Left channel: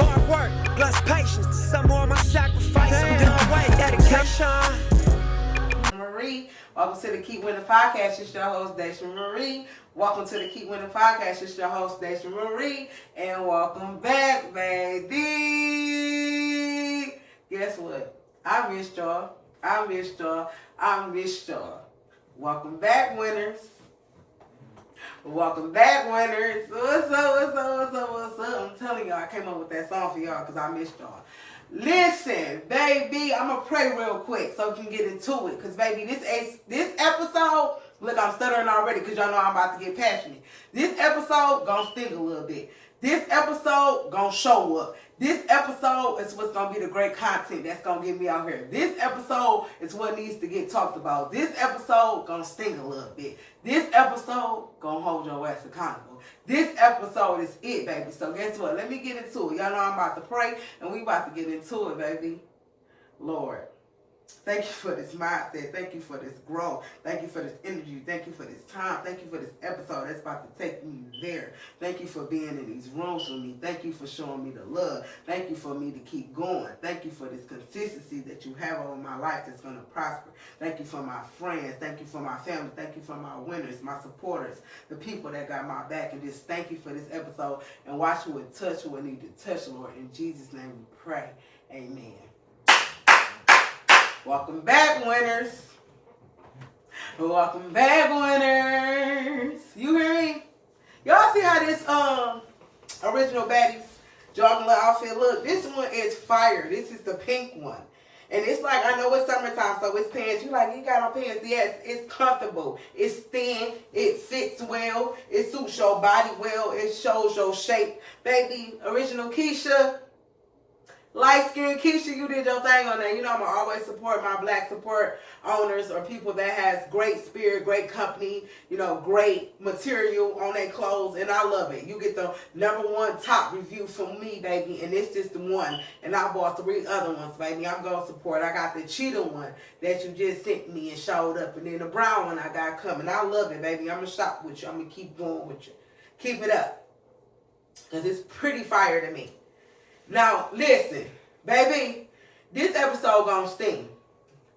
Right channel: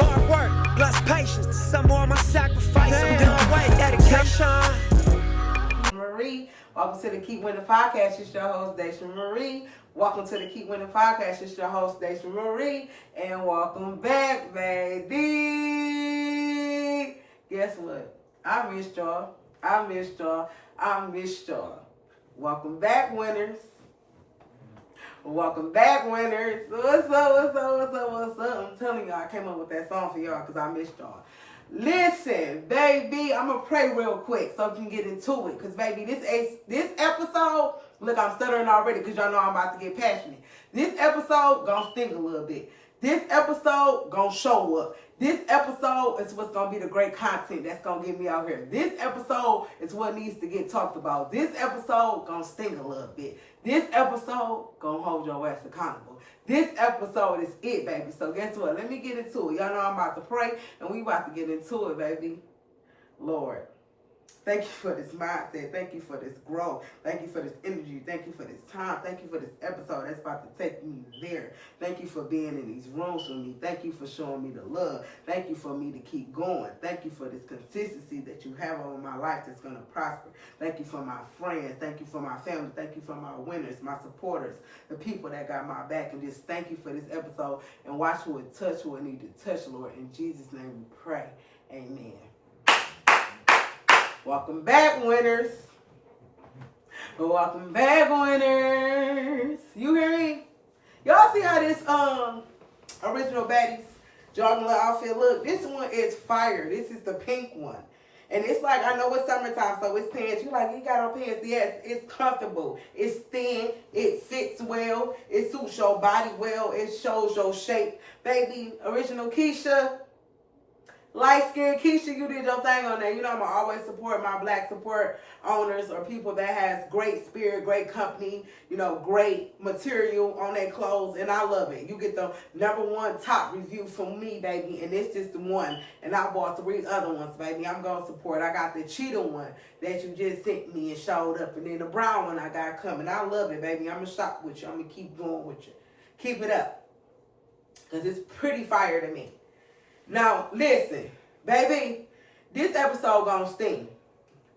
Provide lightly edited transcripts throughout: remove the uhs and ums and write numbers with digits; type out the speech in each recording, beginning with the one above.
Hard work, plus patience. To some more my sacrifice. I'm done with dedication. Marie, welcome to the Keep Winning Podcast. It's your host, Daisha Marie. Welcome to the Keep Winning Podcast. It's your host, Daisha Marie. And welcome back, baby. Guess what? I missed y'all. Welcome back, winners. Welcome back, winners. What's up? I'm telling y'all, I came up with that song for y'all because I missed y'all. Listen, baby, I'm going to pray real quick so we can get into it. Because, baby, this episode, look, I'm stuttering already because y'all know I'm about to get passionate. This episode going to sting a little bit. This episode going to show up. This episode is what's going to be the great content that's going to get me out here. This episode is what needs to get talked about. This episode going to sting a little bit. This episode going to hold your ass accountable. This episode is it, baby. So guess what? Let me get into it. Y'all know I'm about to pray, and we about to get into it, baby. Lord, thank you for this mindset. Thank you for this growth. Thank you for this energy. Thank you for this time. Thank you for this episode that's about to take me there. Thank you for being in these rooms with me. Thank you for showing me the love. Thank you for me to keep going. Thank you for this consistency that you have over my life that's going to prosper. Thank you for my friends. Thank you for my family. Thank you for my winners, my supporters, the people that got my back. And just thank you for this episode. And watch who it touch, who it need to touch, Lord. In Jesus' name we pray. Amen. Welcome back, winners. Welcome back, winners. You hear me? Y'all see how this original baddies jogging outfit look? This one is fire. This is the pink one. And it's like, I know it's summertime, so it's pants. You like, you got on pants. Yes, it's comfortable. It's thin. It fits well. It suits your body well. It shows your shape. Baby, original Keisha. Light-skinned Keisha, you did your thing on there. You know I'm going to always support my black support owners or people that has great spirit, great company, you know, great material on their clothes, and I love it. You get the #1 top review from me, baby, and it's just the one. And I bought 3 other ones, baby. I'm going to support. I got the cheetah one that you just sent me and showed up, and then the brown one I got coming. I love it, baby. I'm going to shop with you. I'm going to keep going with you. Keep it up, because it's pretty fire to me. Now, listen, baby, this episode gonna sting.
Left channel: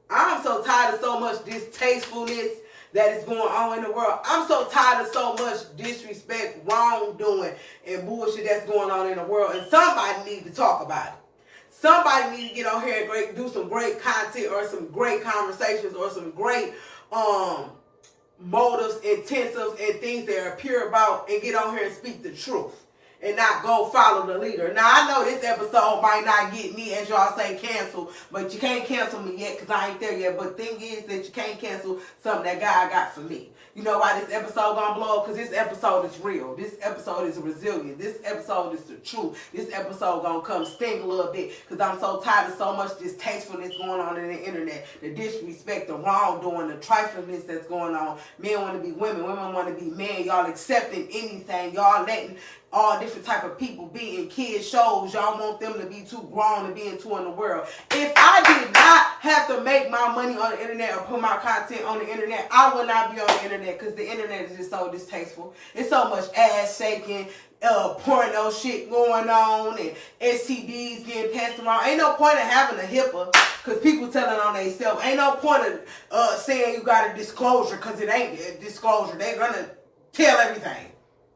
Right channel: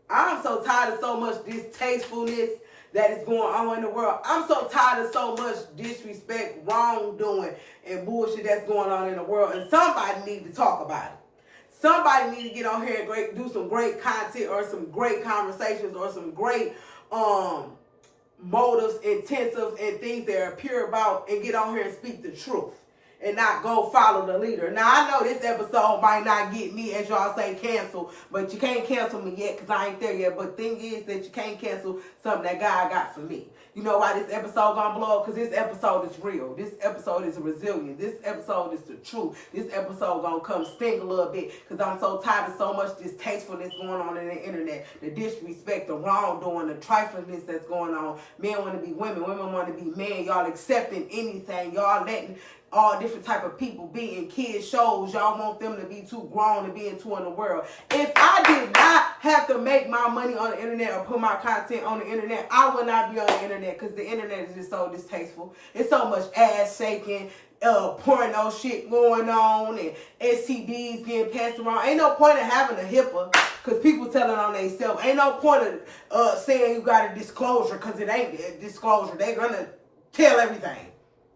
I'm so tired of so much distastefulness that is going on in the world. I'm so tired of so much disrespect, wrongdoing, and bullshit that's going on in the world. And somebody need to talk about it. Somebody need to get on here and do some great content or some great conversations or some great motives, intensives, and things that are pure about and get on here and speak the truth. And not go follow the leader. Now, I know this episode might not get me, as y'all say, canceled. But you can't cancel me yet because I ain't there yet. But the thing is that you can't cancel something that God got for me. You know why this episode gonna blow up? Because this episode is real. This episode is resilient. This episode is the truth. This episode gonna come sting a little bit because I'm so tired of so much distastefulness going on in the internet. The disrespect, the wrongdoing, the triflingness that's going on. Men want to be women. Women want to be men. Y'all accepting anything. Y'all letting all different type of people be in kids shows. Y'all want them to be too grown and being too in the world. If I did not have to make my money on the internet or put my content on the internet, I would not be on the internet because the internet is just so distasteful. It's so much ass shaking, porno shit going on, and STDs getting passed around. Ain't no point in having a HIPAA because people telling on themselves. Ain't no point of saying you got a disclosure because it ain't a disclosure. They gonna tell everything.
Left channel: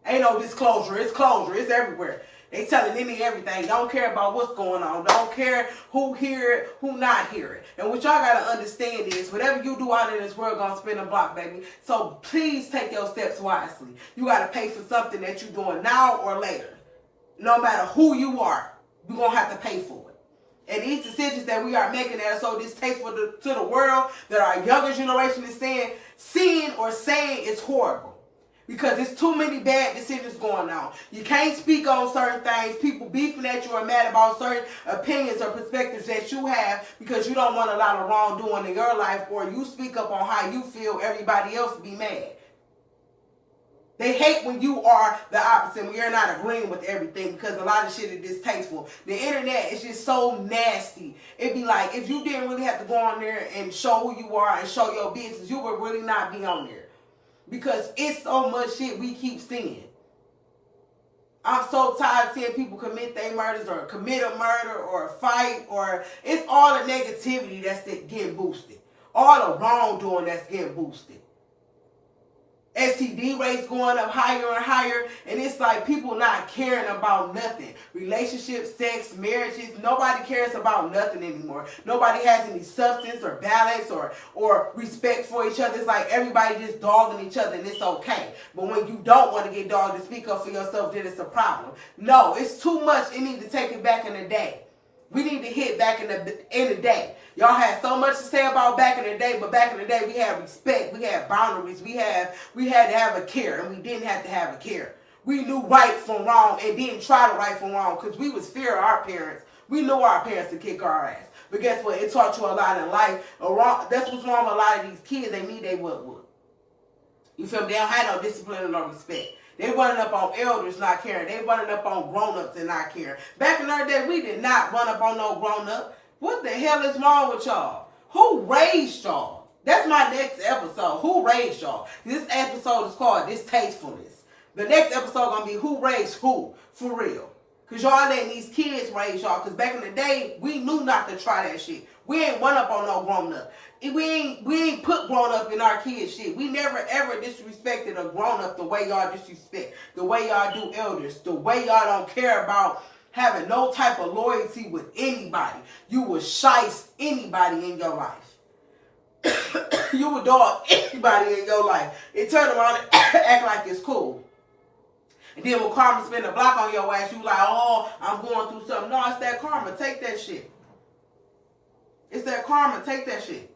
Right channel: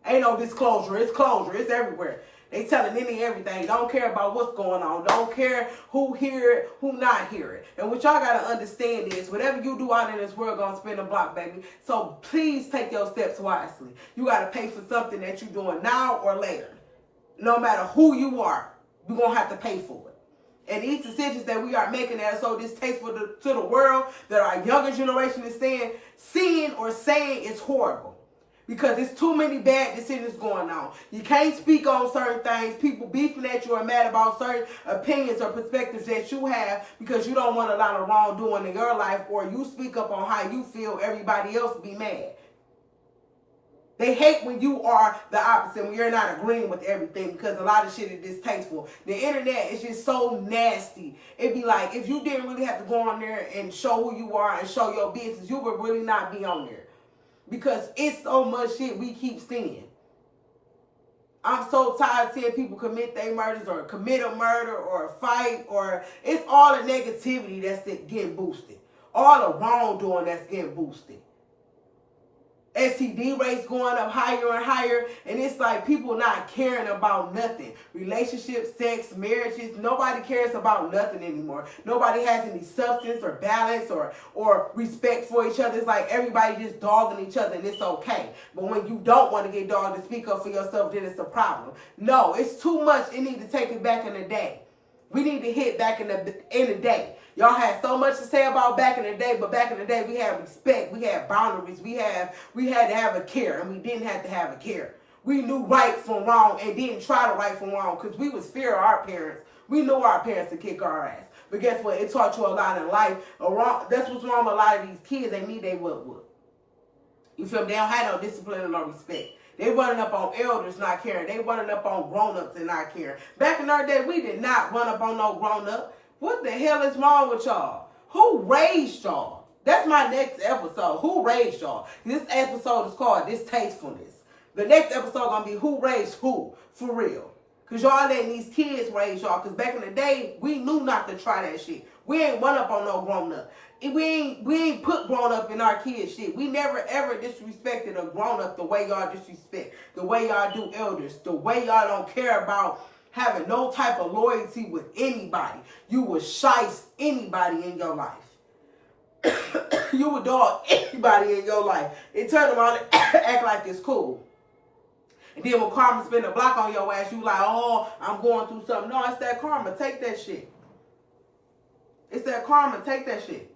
Ain't no disclosure. It's closure. It's everywhere. They telling everything. Don't care about what's going on. Don't care who hear it, who not hear it. And what y'all got to understand is whatever you do out in this world going to spin a block, baby. So please take your steps wisely. You got to pay for something that you're doing now or later. No matter who you are, you're going to have to pay for it. And these decisions that we are making that are so distasteful to the world that our younger generation is seeing or saying is horrible. Because there's too many bad decisions going on. You can't speak on certain things. People beefing at you or mad about certain opinions or perspectives that you have because you don't want a lot of wrongdoing in your life, or you speak up on how you feel, everybody else be mad. They hate when you are the opposite, when you're not agreeing with everything, because a lot of shit is distasteful. The internet is just so nasty. It'd be like, if you didn't really have to go on there and show who you are and show your business, you would really not be on there. Because it's so much shit we keep seeing. I'm so tired of seeing people commit their murders or commit a murder or a fight, or it's all the negativity that's getting boosted. All the wrongdoing that's getting boosted. STD rates going up higher and higher, and it's like people not caring about nothing. Relationships, sex, marriages, nobody cares about nothing anymore. Nobody has any substance or balance or respect for each other. It's like everybody just dogging each other, and it's okay. But when you don't want to get dogged and speak up for yourself, then it's a problem. No, it's too much. It needs to take it back in the day. We need to hit back in the day. Y'all had so much to say about back in the day, but back in the day we had respect, we had boundaries, we had to have a care, and we didn't have to have a care. We knew right from wrong and didn't try to right from wrong because we was fear of our parents. We knew our parents would kick our ass. But guess what? It taught you a lot in life. That's what's wrong with a lot of these kids. They need they what. You feel me? They don't have no discipline or no respect. They running up on elders not caring. They running up on grown-ups and not caring. Back in our day, we did not run up on no grown-up. What the hell is wrong with y'all? Who raised y'all? That's my next episode. Who raised y'all? This episode is called Distastefulness. The next episode gonna be who raised who, for real. Because y'all letting these kids raise y'all. Because back in the day, we knew not to try that shit. We ain't run up on no grown-up. We ain't put grown-up in our kids' shit. We never, ever disrespected a grown-up the way y'all disrespect. The way y'all do elders. The way y'all don't care about having no type of loyalty with anybody. You would shice anybody in your life. You would dog anybody in your life. And turn around and act like it's cool. And then when karma spin a block on your ass, you like, oh, I'm going through something. No, it's that karma. Take that shit. It's that karma. Take that shit.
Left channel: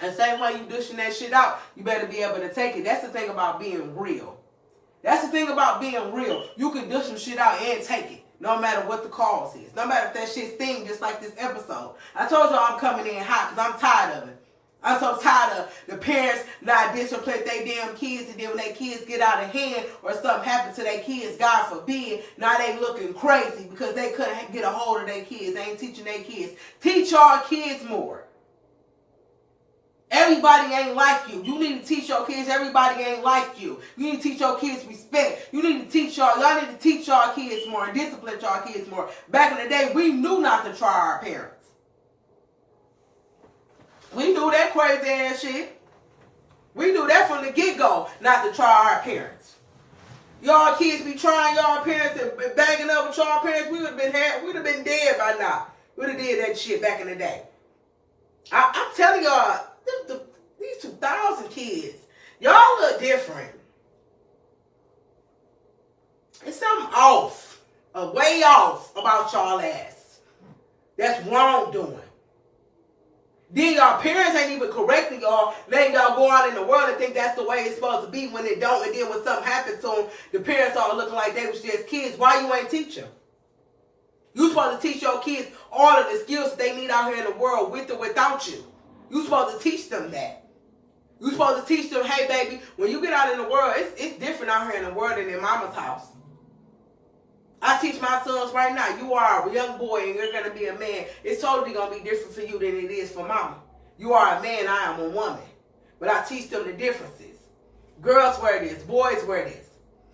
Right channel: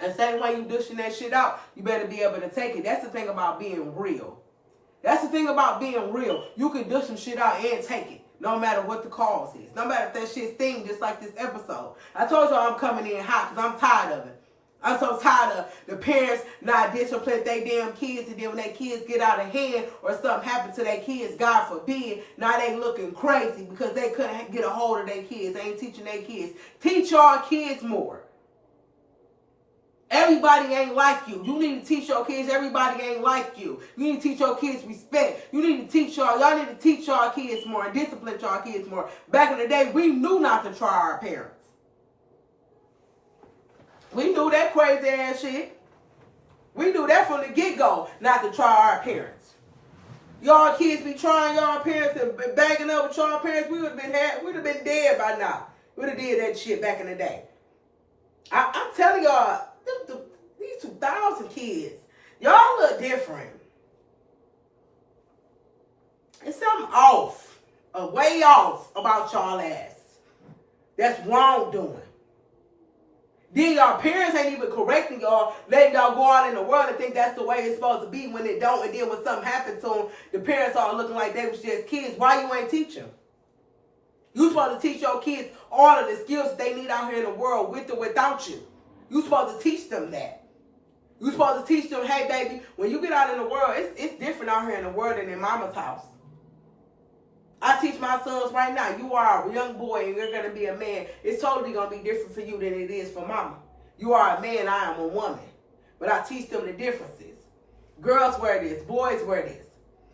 And same way you dishing that shit out, you better be able to take it. That's the thing about being real. That's the thing about being real. You can dish some shit out and take it, no matter what the cause is. No matter if that shit sting, just like this episode. I told y'all I'm coming in hot because I'm tired of it. I'm so tired of the parents not discipline their damn kids, and then when their kids get out of hand or something happens to their kids, God forbid, now they looking crazy because they couldn't get a hold of their kids. They ain't teaching their kids. Teach y'all kids more. Everybody ain't like you. You need to teach your kids everybody ain't like you. You need to teach your kids respect. You need to teach y'all need to teach y'all kids more and discipline y'all kids more. Back in the day, we knew not to try our parents. We knew that crazy ass shit. We knew that from the get-go, not to try our parents. Y'all kids be trying y'all parents and banging up with y'all parents, we'd have been dead by now. We'd have did that shit back in the day. I'm telling y'all, these 2000 kids, y'all look different. It's something off, way off about y'all ass. That's wrongdoing. Then y'all parents ain't even correcting y'all, letting y'all go out in the world and think that's the way it's supposed to be when it don't. And then when something happens to them, the parents are looking like they was just kids. Why you ain't teach them? You supposed to teach your kids all of the skills that they need out here in the world with or without you. You supposed to teach them that. You supposed to teach them, hey baby, when you get out in the world, it's different out here in the world than in mama's house. I teach my sons right now, you are a young boy and you're going to be a man. It's totally going to be different for you than it is for mama. You are a man, I am a woman. But I teach them the differences. Girls wear this, boys wear this.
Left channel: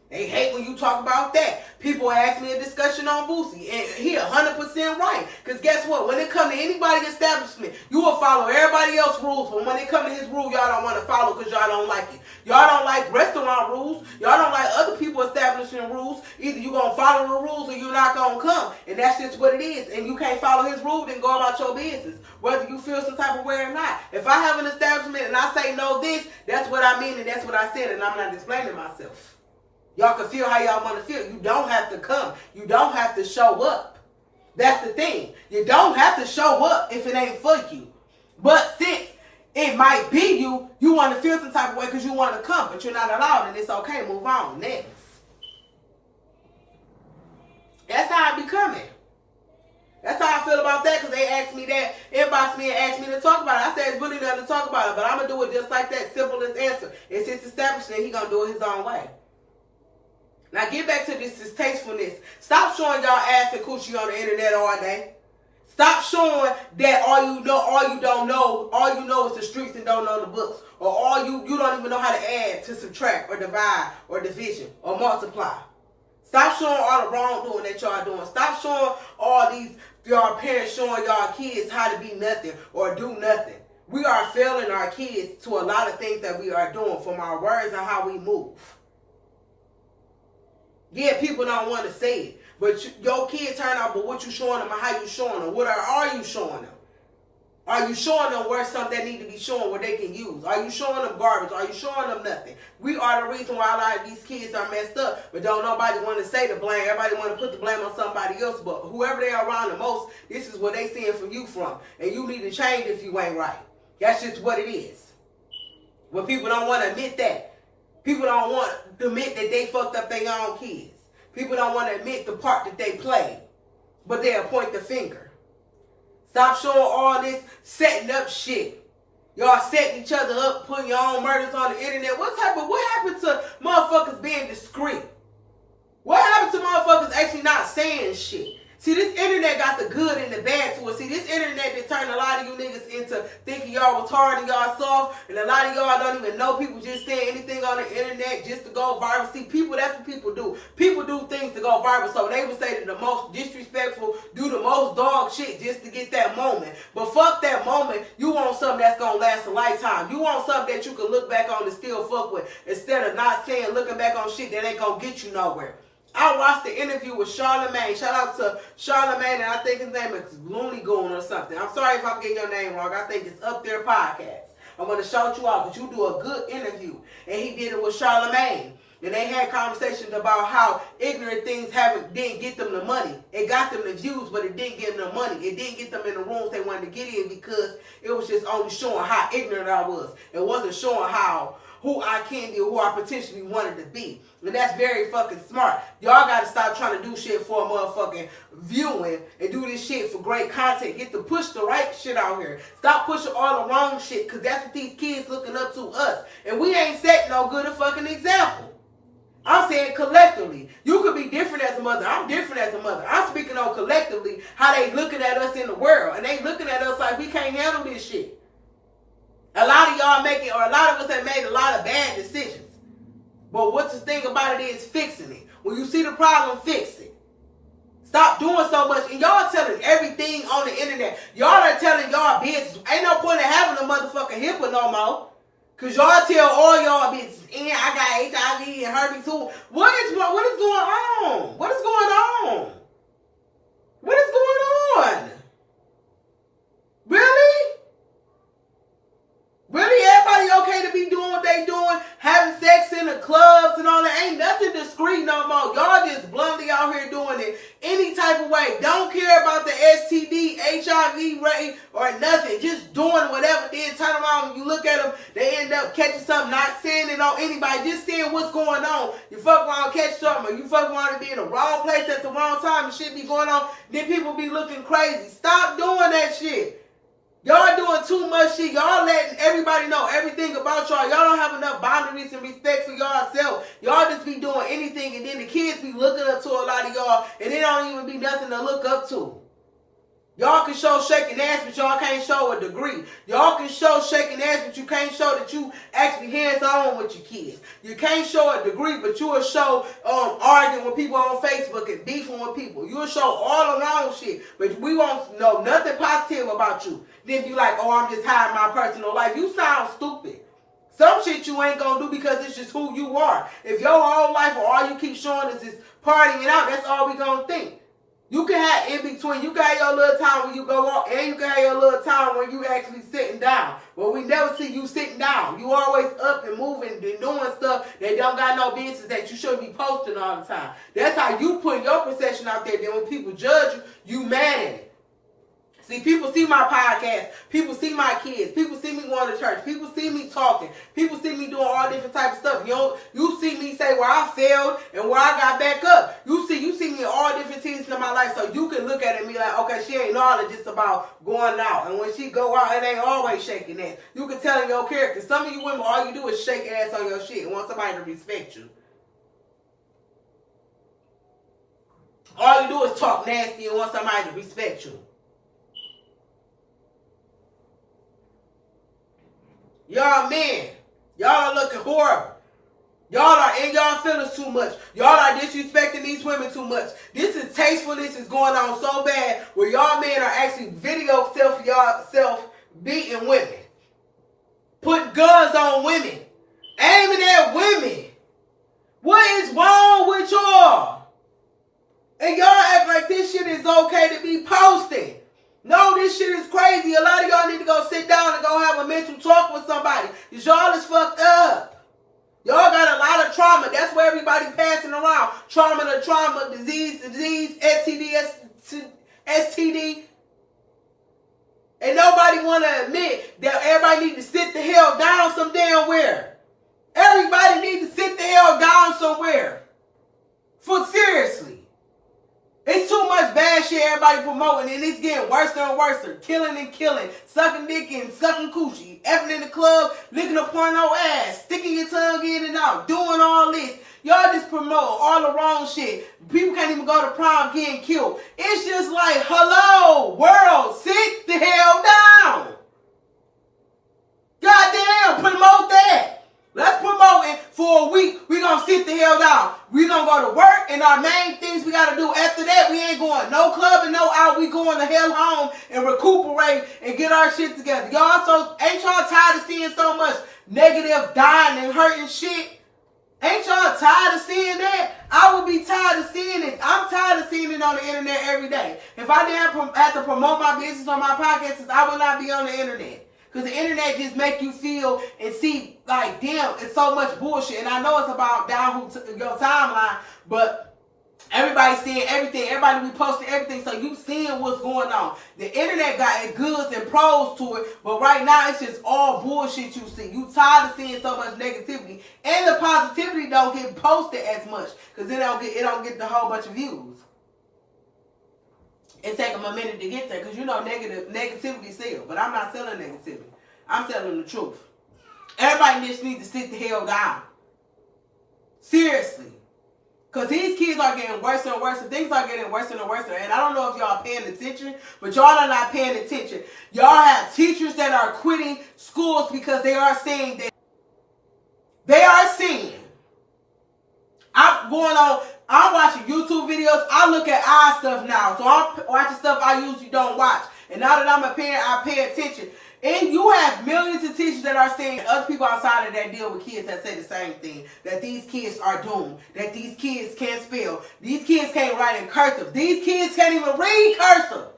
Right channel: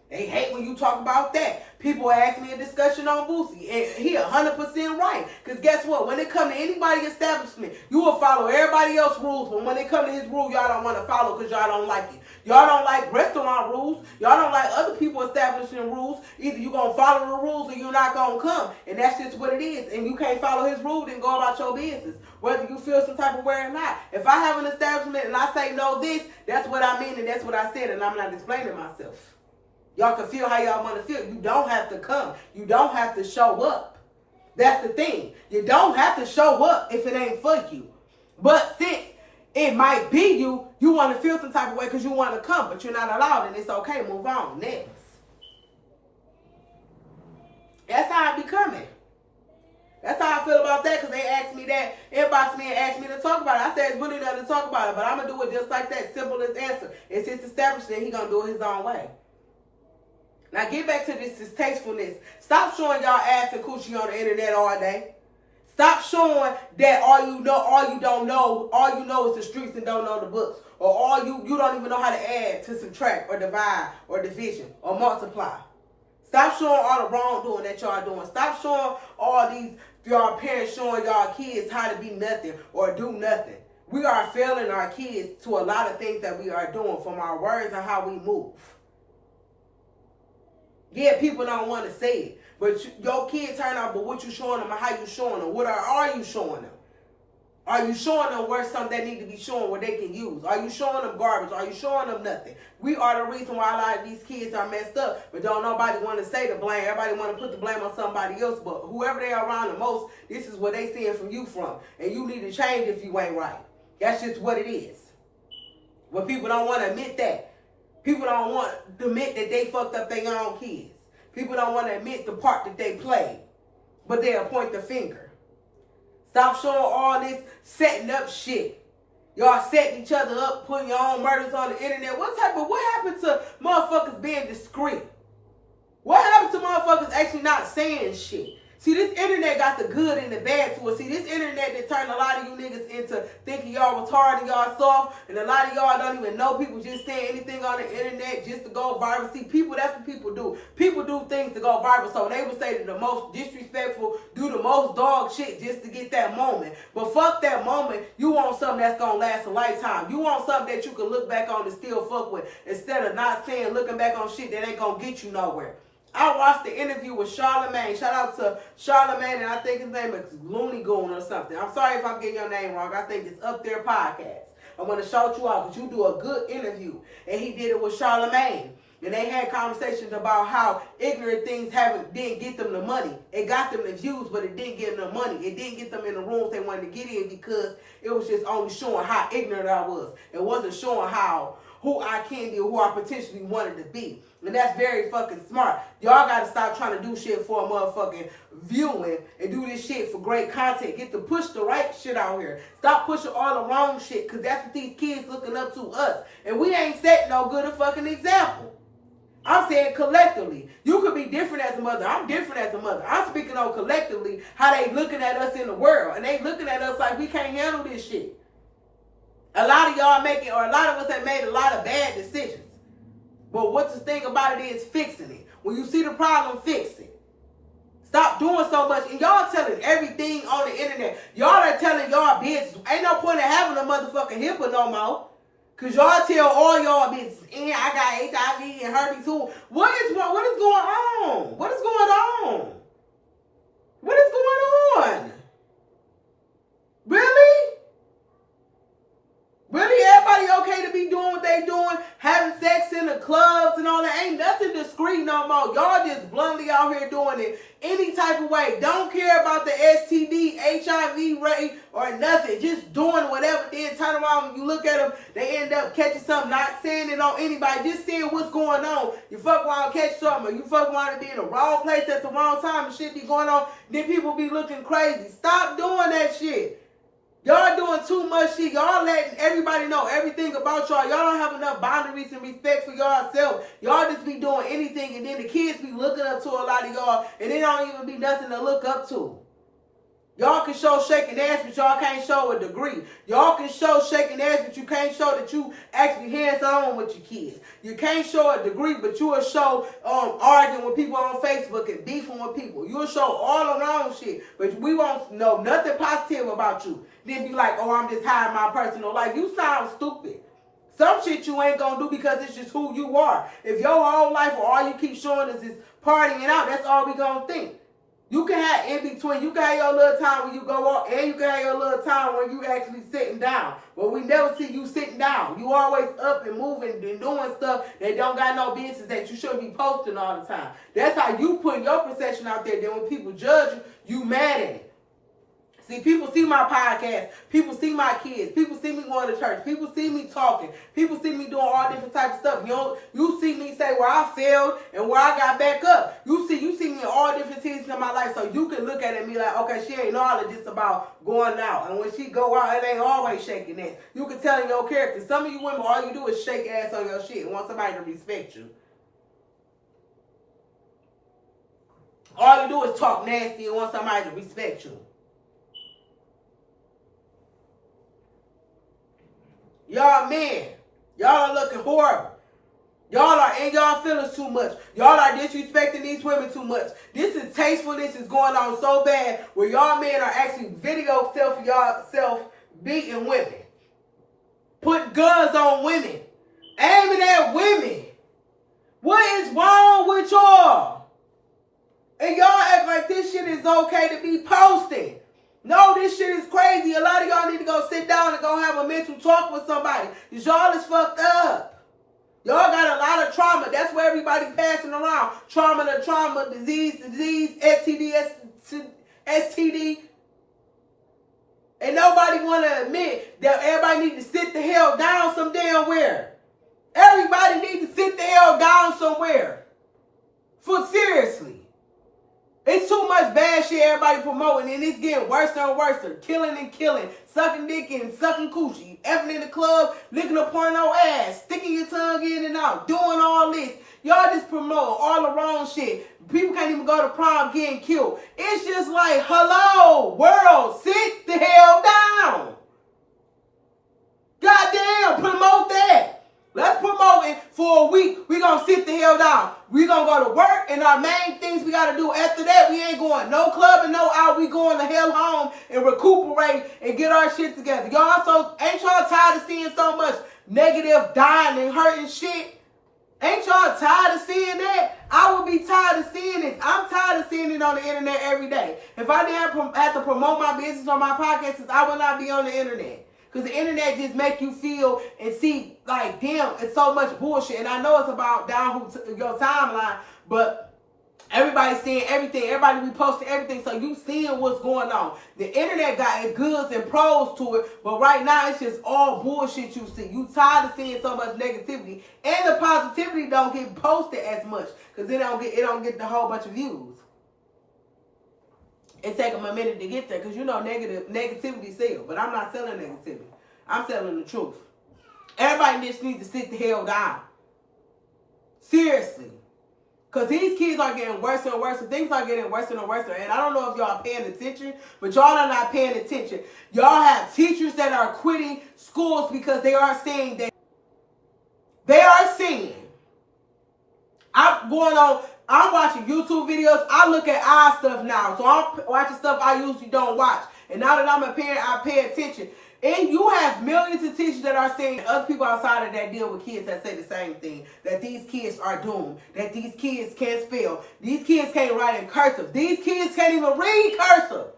They hate when you talk about that. People ask me a discussion on Boosie, and he 100% right. Because guess what? When it comes to anybody's establishment, you will follow everybody else's rules. But when it comes to his rule, y'all don't want to follow because y'all don't like it. Y'all don't like restaurant rules. Y'all don't like other people establishing rules. Either you're going to follow the rules or you're not going to come. And that's just what it is. And you can't follow his rule, then go about your business. Whether you feel some type of way or not. If I have an establishment and I say no this, that's what I mean and that's what I said. And I'm not explaining myself. Y'all can feel how y'all want to feel. You don't have to come. You don't have to show up. That's the thing. You don't have to show up if it ain't for you. But since it might be you, you want to feel some type of way because you want to come, but you're not allowed, and it's okay. Move on. Next. That's how I be coming. That's how I feel about that because they asked me that, inboxed me and asked me to talk about it. I said it's really nothing to talk about it, but I'm going to do it just like that. Simplest answer. It's his establishment. He's going to do it his own way. Now get back to this distastefulness. Stop showing y'all ass and coochie on the internet all day. Stop showing that all you know is the streets and don't know the books. Or all you don't even know how to add to subtract or divide or division or multiply. Stop showing all the wrongdoing that y'all doing. Stop showing all these y'all parents showing y'all kids how to be nothing or do nothing. We are failing our kids to a lot of things that we are doing, from our words and how we move. Yeah, people don't want to say it, but your kids turn out, but what you showing them and how you showing them? What are you showing them? Are you showing them where something that need to be shown where they can use? Are you showing them garbage? Are you showing them nothing? We are the reason why a lot of these kids are messed up, but don't nobody want to say the blame. Everybody want to put the blame on somebody else, but whoever they are around the most, this is what they seeing from you from. And you need to change if you ain't right. That's just what it is. But people don't want to admit that. People don't want to admit that they fucked up their own kids. People don't want to admit the part that they played, but they'll point the finger. Stop showing all this setting up shit. Y'all setting each other up, putting your own murders on the internet. What happened to motherfuckers being discreet? What happened to motherfuckers actually not saying shit? See, this internet got the good and the bad to it. See, this internet that turned a lot of you niggas into thinking y'all was hard and y'all soft, and a lot of y'all don't even know people just saying anything on the internet just to go viral. See, people, that's what people do. People do things to go viral, so they would say that the most disrespectful do the most dog shit just to get that moment. But fuck that moment. You want something that's gonna last a lifetime. You want something that you can look back on and still fuck with, instead of not saying, looking back on shit that ain't gonna get you nowhere. I watched the interview with Charlamagne. Shout out to Charlamagne, and I think his name is Looney Goon or something. I'm sorry if I'm getting your name wrong. I think it's Up There Podcast. I'm going to shout you out because you do a good interview. And he did it with Charlamagne. And they had conversations about how ignorant things didn't get them the money. It got them the views, but it didn't get them the money. It didn't get them in the rooms they wanted to get in because it was just only showing how ignorant I was. It wasn't showing who I can be or who I potentially wanted to be. And that's very fucking smart. Y'all got to stop trying to do shit for a motherfucking viewing and do this shit for great content. Get to push the right shit out here. Stop pushing all the wrong shit, because that's what these kids looking up to us. And we ain't setting no good a fucking example. I'm saying collectively. You could be different as a mother. I'm different as a mother. I'm speaking on collectively how they looking at us in the world. And they looking at us like we can't handle this shit. A lot of y'all a lot of us have made a lot of bad decisions. But what's the thing about it is fixing it. When you see the problem, fix it. Stop doing so much. And y'all telling everything on the internet. Y'all are telling y'all business. Ain't no point in having a motherfucking HIPAA no more. Because y'all tell all y'all business. And I got HIV and herpes too. What is going on? What is going on? What is going on? Really? Really, everybody okay to be doing what they doing, having sex in the clubs and all that? Ain't nothing discreet no more. Y'all just bluntly out here doing it any type of way. Don't care about the STD, HIV rate, or nothing. Just doing whatever. Then turn around, when you look at them, they end up catching something, not saying it on anybody, just saying what's going on. You fuck around, catch something, or you fuck around to be in the wrong place at the wrong time and shit be going on, then people be looking crazy. Stop doing that shit. Y'all doing too much shit. Y'all letting everybody know everything about y'all. Y'all don't have enough boundaries and respect for yourself. Y'all just be doing anything, and then the kids be looking up to a lot of y'all, and it don't even be nothing to look up to. Y'all can show shaking ass, but y'all can't show a degree. Y'all can show shaking ass, but you can't show that you actually hands-on with your kids. You can't show a degree, but you will show arguing with people on Facebook and beefing with people. You'll show all the wrong shit, but we won't know nothing positive about you. Then be like, oh, I'm just hiding my personal life. You sound stupid. Some shit you ain't gonna do because it's just who you are. If your whole life or all you keep showing us is partying out, that's all we gonna think. You can have in between. You can have your little time when you go out, and you can have your little time when you actually sitting down. But we never see you sitting down. You always up and moving and doing stuff that don't got no business, that you shouldn't be posting all the time. That's how you put your perception out there. Then when people judge you, you mad at it. See, people see my podcast. People see my kids. People see me going to church. People see me talking. People see me doing all different types of stuff. You see me say where I failed and where I got back up. You see me in all different seasons of my life, so you can look at it and be like, okay, she ain't all just about going out. And when she go out, it ain't always shaking ass. You can tell in your character. Some of you women, all you do is shake ass on your shit and want somebody to respect you. All you do is talk nasty and want somebody to respect you. Y'all men, y'all are looking horrible. Y'all are in y'all feelings too much. Y'all are disrespecting these women too much. This is tastefulness is going on so bad where y'all men are actually video self beating women. Putting guns on women. Aiming at women. What is wrong with y'all? And y'all act like this shit is okay to be posting. No, this shit is crazy. A lot of y'all need to go sit down and go have a mental talk with somebody. Because y'all is fucked up. Y'all got a lot of trauma. That's where everybody passing around. Trauma, disease, STD. And nobody want to admit that everybody need to sit the hell down some damn where. Everybody need to sit the hell down somewhere. For seriously. It's too much bad shit everybody promoting, and it's getting worse and worse. Killing and killing, sucking dick and sucking coochie, effing in the club, licking a porno ass, sticking your tongue in and out, doing all this. Y'all just promote all the wrong shit. People can't even go to prom getting killed. It's just like, hello, world, sit the hell down. Goddamn, promote that. Let's promote it for a week. We're going to sit the hell down. We're going to go to work, and our main things we got to do after that, we ain't going no club and no out. We going the hell home and recuperate and get our shit together. Y'all ain't y'all tired of seeing so much negative dying and hurting shit? Ain't y'all tired of seeing that? I would be tired of seeing it. I'm tired of seeing it on the internet every day. If I didn't have to promote my business on my podcast, I would not be on the internet. Because the internet just make you feel and see, like, damn, it's so much bullshit. And I know it's about down your timeline, but everybody's seeing everything. Everybody reposting everything, so you seeing what's going on. The internet got its goods and pros to it, but right now it's just all bullshit you see. You tired of seeing so much negativity, and the positivity don't get posted as much because it don't get the whole bunch of views. It take them a minute to get there because you know negativity sells, but I'm not selling negativity. I'm selling the truth. Everybody just needs to sit the hell down. Seriously. Because these kids are getting worse and worse, and things are getting worse and worse. And I don't know if y'all paying attention, but y'all are not paying attention. Y'all have teachers that are quitting schools because they are saying that I'm watching YouTube videos. I look at eye stuff now. So I'm watching stuff I usually don't watch. And now that I'm a parent, I pay attention. And you have millions of teachers that are saying, other people outside of that deal with kids that say the same thing. That these kids are doomed. That these kids can't spell. These kids can't write in cursive. These kids can't even read cursive.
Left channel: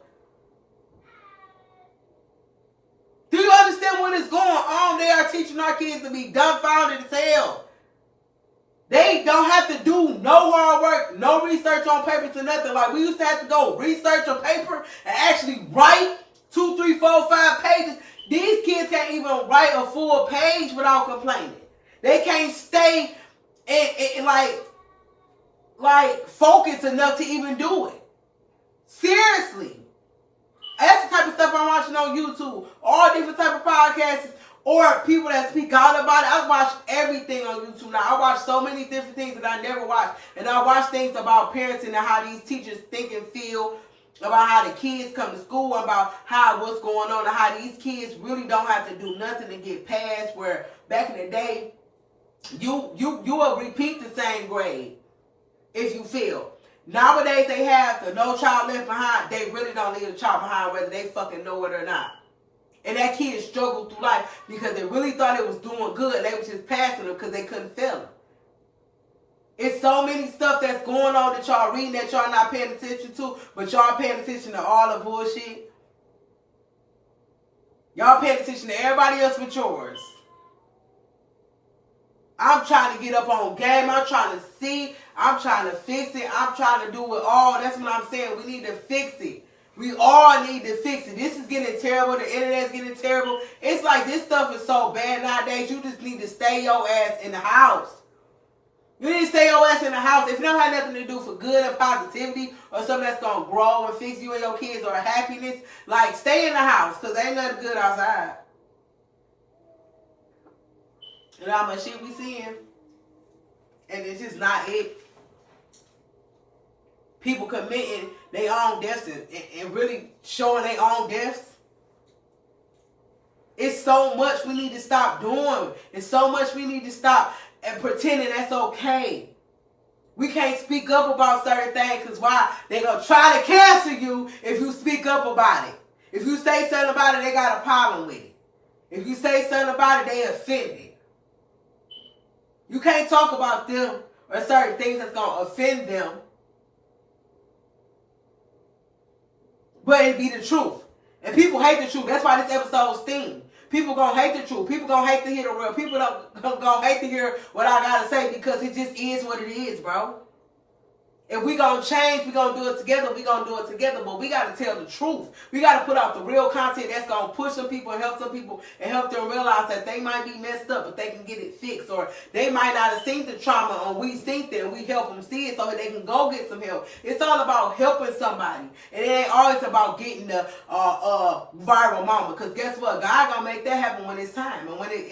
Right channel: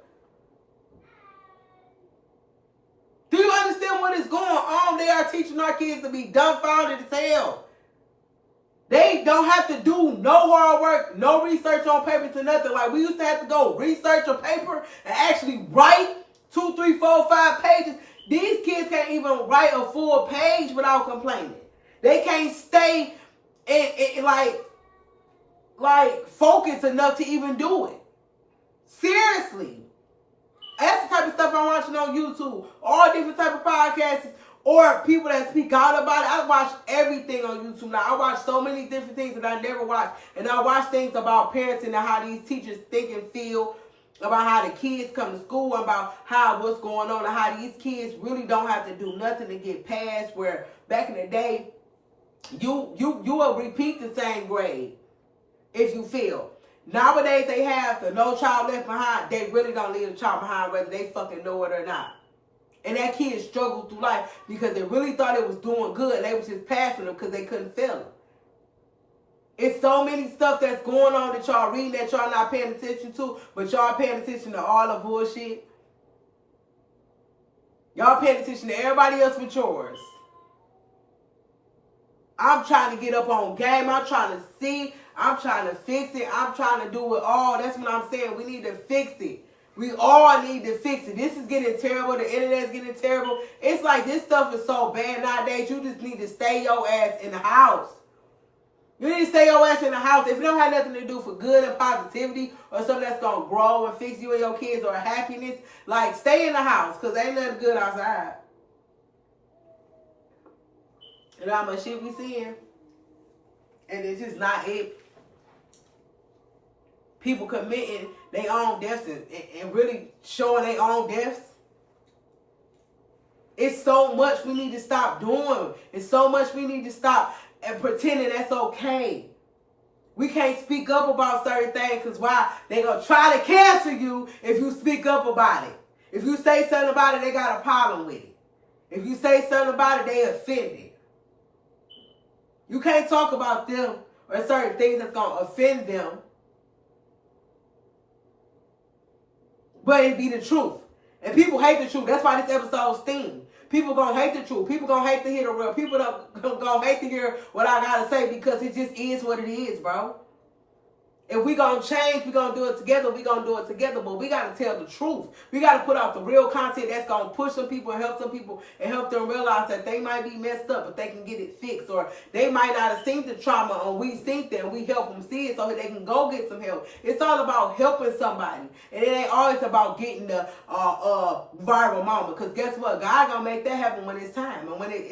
Do you understand what is going on? They are teaching our kids to be dumbfounded as hell. They don't have to do no hard work, no research on papers or nothing. Like we used to have to go research a paper and actually write 2, 3, 4, 5 pages. These kids can't even write a full page without complaining. They can't stay in like focused enough to even do it. Seriously. That's the type of stuff I'm watching on YouTube. All different type of podcasts. Or people that speak out about it. I watch everything on YouTube now. I watch so many different things that I never watched. And I watch things about parenting and how these teachers think and feel about how the kids come to school, about what's going on, and how these kids really don't have to do nothing to get past. Where back in the day, you will repeat the same grade if you fail. Nowadays they have the No Child Left Behind. They really don't leave a child behind whether they fucking know it or not. And that kid struggled through life because they really thought it was doing good. They was just passing them because they couldn't fail them. It's so many stuff that's going on that y'all reading that y'all not paying attention to, but y'all paying attention to all the bullshit. Y'all paying attention to everybody else but yours. I'm trying to get up on game. I'm trying to see. I'm trying to fix it. I'm trying to do it all. That's what I'm saying. We need to fix it. We all need to fix it. This is getting terrible. The internet's getting terrible. It's like this stuff is so bad nowadays. You just need to stay your ass in the house. You need to stay your ass in the house. If you don't have nothing to do for good and positivity or something that's going to grow and fix you and your kids or happiness, like stay in the house because ain't nothing good outside. You know how much shit we seeing? And it's just not it. People committing their own deaths and really showing their own deaths. It's so much we need to stop doing. It's so much we need to stop and pretending that's okay. We can't speak up about certain things because why? They gonna try to cancel you if you speak up about it. If you say something about it, they got a problem with it. If you say something about it, they offended. You can't talk about them or certain things that's gonna offend them. But it be the truth. And people hate the truth. That's why this episode's theme. People gonna hate the truth. People gonna hate to hear the real. People gonna hate to hear what I gotta say because it just is what it is, bro. If we gonna change, we gonna do it together. We gonna do it together, but we gotta tell the truth. We gotta put out the real content that's gonna push some people and help some people and help them realize that they might be messed up, but they can get it fixed, or they might not have seen the trauma, and we think that, and we help them see it so that they can go get some help. It's all about helping somebody, and it ain't always about getting the viral moment. Because guess what? God gonna make that happen when it's time, and when it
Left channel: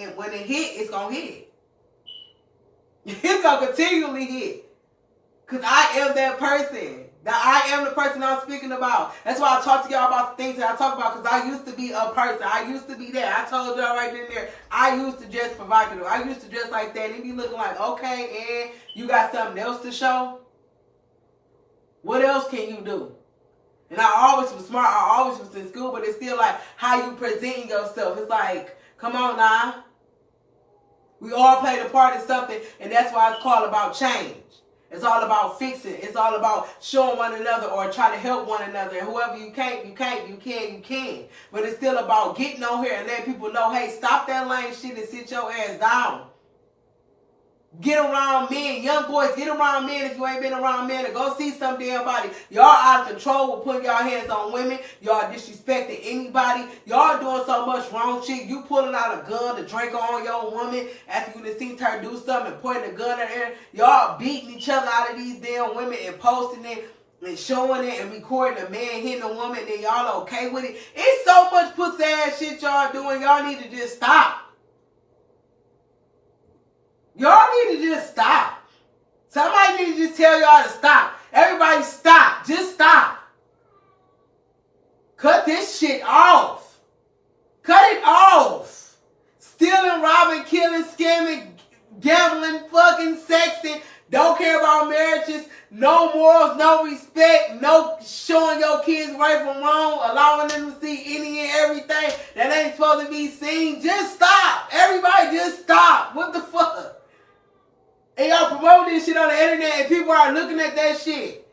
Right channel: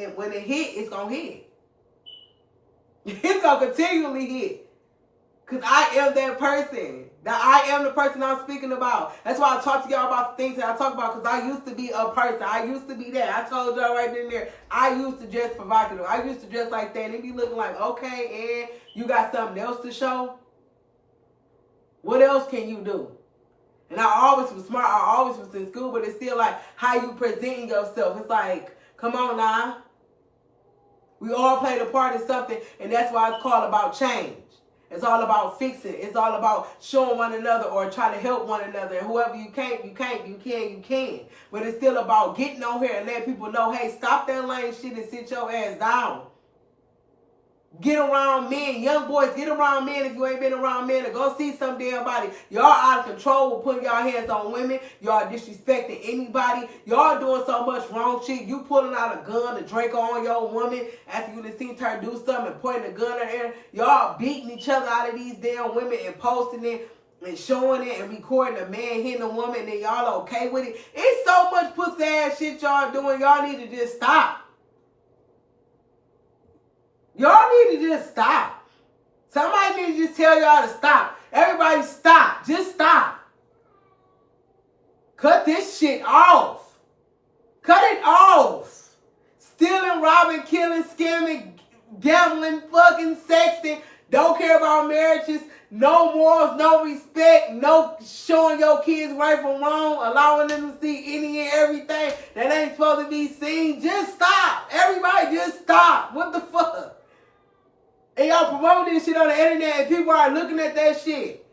hit, it's gonna hit. It's gonna continually hit. Because I am that person. That I am the person I'm speaking about. That's why I talk to y'all about the things that I talk about. Because I used to be a person. I used to be that. I told y'all right in there. I used to dress provocative. I used to dress like that. And it be looking like, okay, and you got something else to show? What else can you do? And I always was smart. I always was in school. But it's still like how you presenting yourself. It's like, come on now. We all played a part in something. And that's why it's called about change. It's all about fixing. It's all about showing one another or try to help one another. And whoever you can. But it's still about getting on here and letting people know, hey, stop that lame shit and sit your ass down. Get around men. Young boys, get around men if you ain't been around men. And go see some damn body. Y'all out of control with putting y'all hands on women. Y'all disrespecting anybody. Y'all doing so much wrong shit. You pulling out a gun to drink on your woman after you done seen her do something and pointing a gun at her. Y'all beating each other out of these damn women and posting it and showing it and recording a man hitting a woman and then y'all okay with it. It's so much pussy ass shit y'all doing. Y'all need to just stop. Y'all need to just stop. Somebody need to just tell y'all to stop. Everybody stop. Just stop. Cut this shit off. Cut it off. Stealing, robbing, killing, scamming, gambling, fucking sexing. Don't care about marriages. No morals, no respect. No showing your kids right from wrong. Allowing them to see any and everything that ain't supposed to be seen. Just stop. Everybody just stop. What the fuck? And y'all promoting this shit on the internet and people are looking at that shit.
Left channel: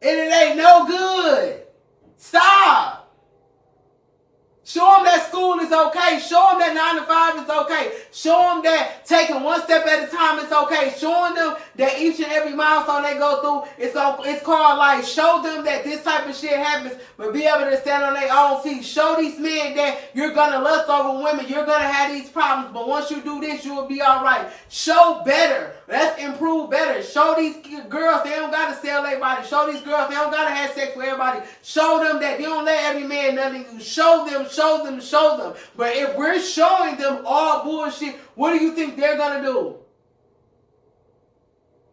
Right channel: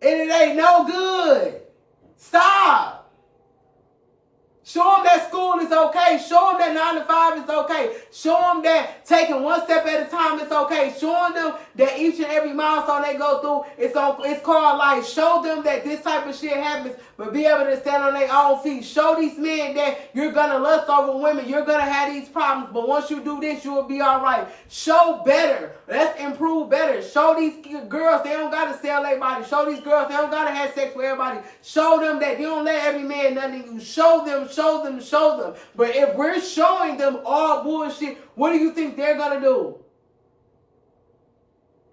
And it ain't no good. Stop. Show them that school is okay. Show them that 9 to 5 is okay. Show them that taking one step at a time is okay. Showing them that each and every milestone they go through, it's called life. Show them that this type of shit happens, but be able to stand on their own feet. Show these men that you're going to lust over women. You're going to have these problems, but once you do this, you will be all right. Show better. Let's improve better. Show these girls they don't got to sell their body. Show these girls they don't got to have sex with everybody. Show them that they don't let every man nothing you. Show them. But if we're showing them all bullshit, what do you think they're going to do?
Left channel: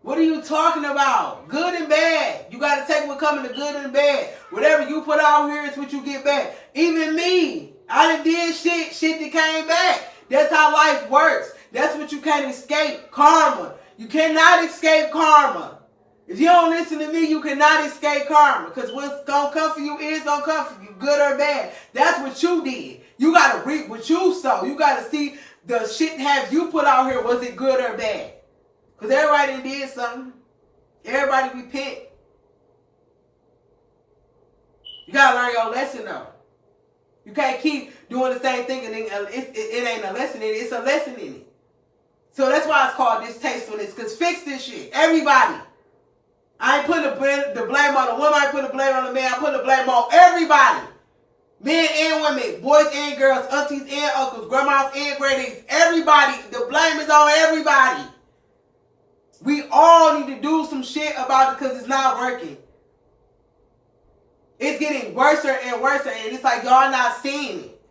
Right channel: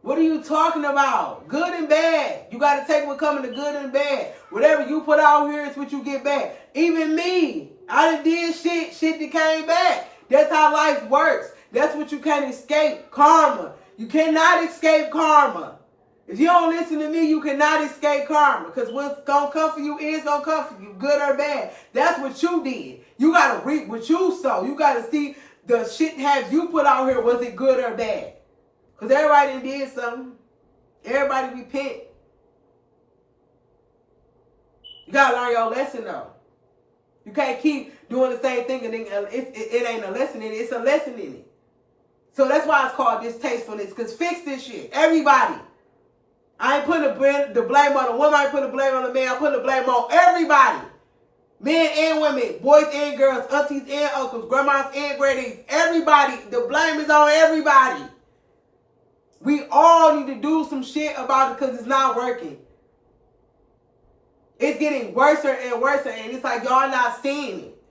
What are you talking about? Good and bad. You got to take what coming to good and bad. Whatever you put out here is what you get back. Even me, I done did shit that came back. That's how life works. That's what you can't escape. Karma. You cannot escape karma. If you don't listen to me, you cannot escape karma. Because what's going to come for you is going to come for you, good or bad. That's what you did. You got to reap what you sow. You got to see the shit have you put out here, was it good or bad? Because everybody did something. Everybody repent. You got to learn your lesson, though. You can't keep doing the same thing and then it ain't a lesson in it. It's a lesson in it. So that's why it's called distastefulness. Because fix this shit. Everybody. I ain't putting the blame on the woman. I ain't putting the blame on the man. I put the blame on everybody. Men and women, boys and girls, aunties and uncles, grandmas and grannies, everybody. The blame is on everybody. We all need to do some shit about it because it's not working. It's getting worse and worse, and it's like y'all not seeing it.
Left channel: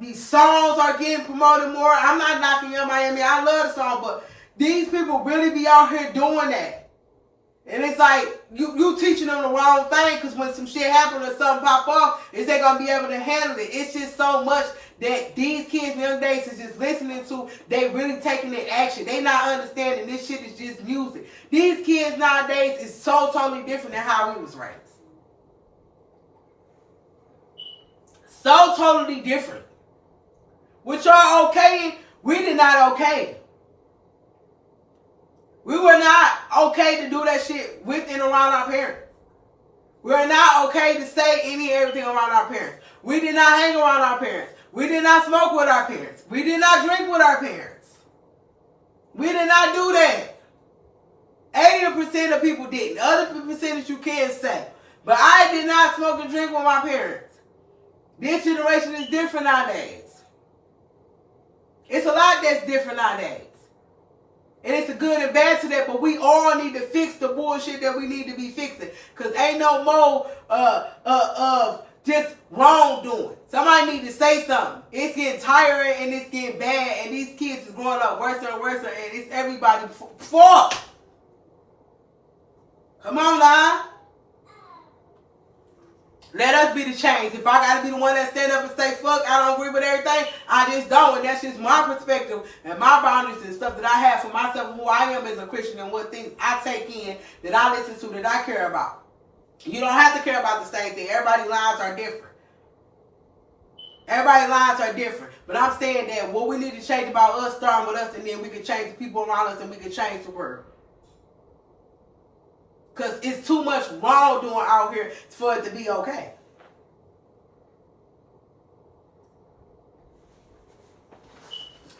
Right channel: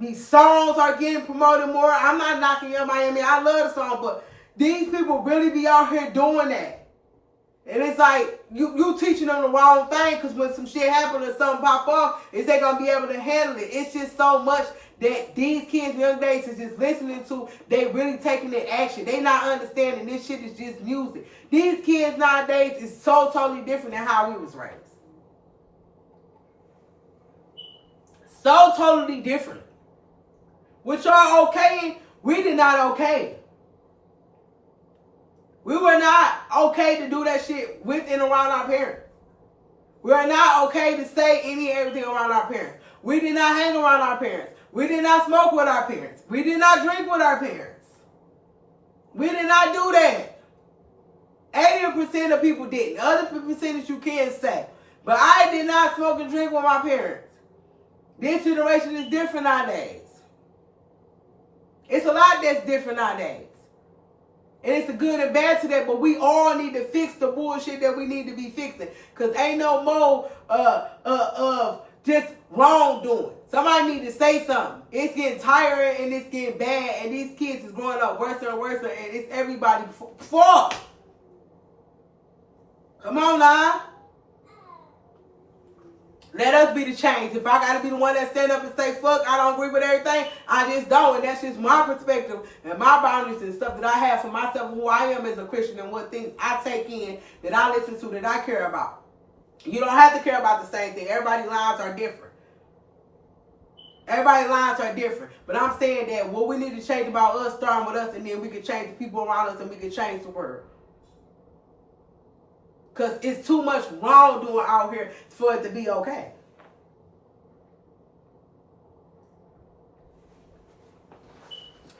These songs are getting promoted more. I'm not knocking Young Miami. I love the song, but these people really be out here doing that. And it's like, you teaching them the wrong thing because when some shit happen or something pop off, is they going to be able to handle it? It's just so much that these kids nowadays is just listening to, they really taking it action. They not understanding this shit is just music. These kids nowadays is so totally different than how we was raised. So totally different. What y'all okay, we did not okay. We were not okay to do that shit with and around our parents. We are not okay to say any and everything around our parents. We did not hang around our parents. We did not smoke with our parents. We did not drink with our parents. We did not do that. 80% of people didn't. Other percentage you can say. But I did not smoke and drink with my parents. This generation is different nowadays. It's a lot that's different nowadays. And it's a good and bad to that, but we all need to fix the bullshit that we need to be fixing. Because ain't no more just wrongdoing. Somebody need to say something. It's getting tiring and it's getting bad, and these kids is growing up worse and worse, and it's everybody's fault. Come on now. Let us be the change. If I gotta be the one that stand up and say fuck, I don't agree with everything, I just don't. And that's just my perspective and my boundaries and stuff that I have for myself and who I am as a Christian and what things I take in, that I listen to, that I care about. You don't have to care about the same thing. Everybody's lives are different. Everybody's lives are different. But I'm saying that what we need to change about us, starting with us, and then we can change the people around us and we can change the world. Because it's too much wrongdoing out here for it to be okay.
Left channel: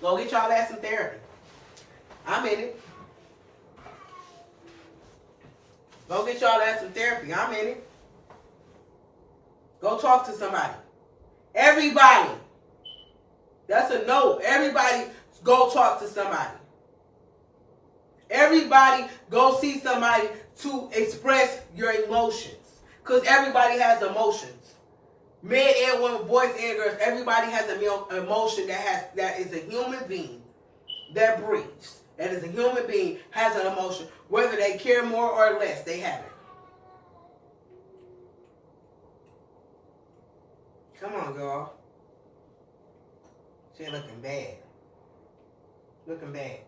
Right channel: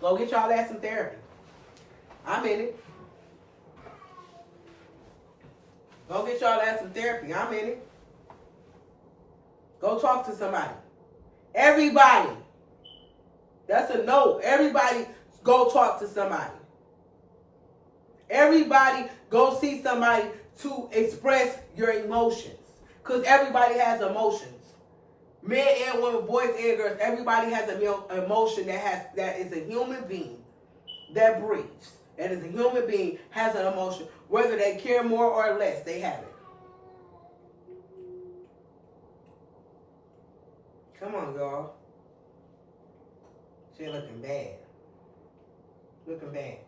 Go get y'all ass some therapy. I'm in it. Go get y'all ass some therapy. I'm in it. Go talk to somebody. Everybody. That's a no. Everybody go talk to somebody. Everybody go see somebody to express your emotions. Because everybody has emotions. Men and women, boys and girls, everybody has an emotion that is a human being that breathes. That is a human being, has an emotion. Whether they care more or less, they have it. Come on, girl. She looking bad. Looking bad.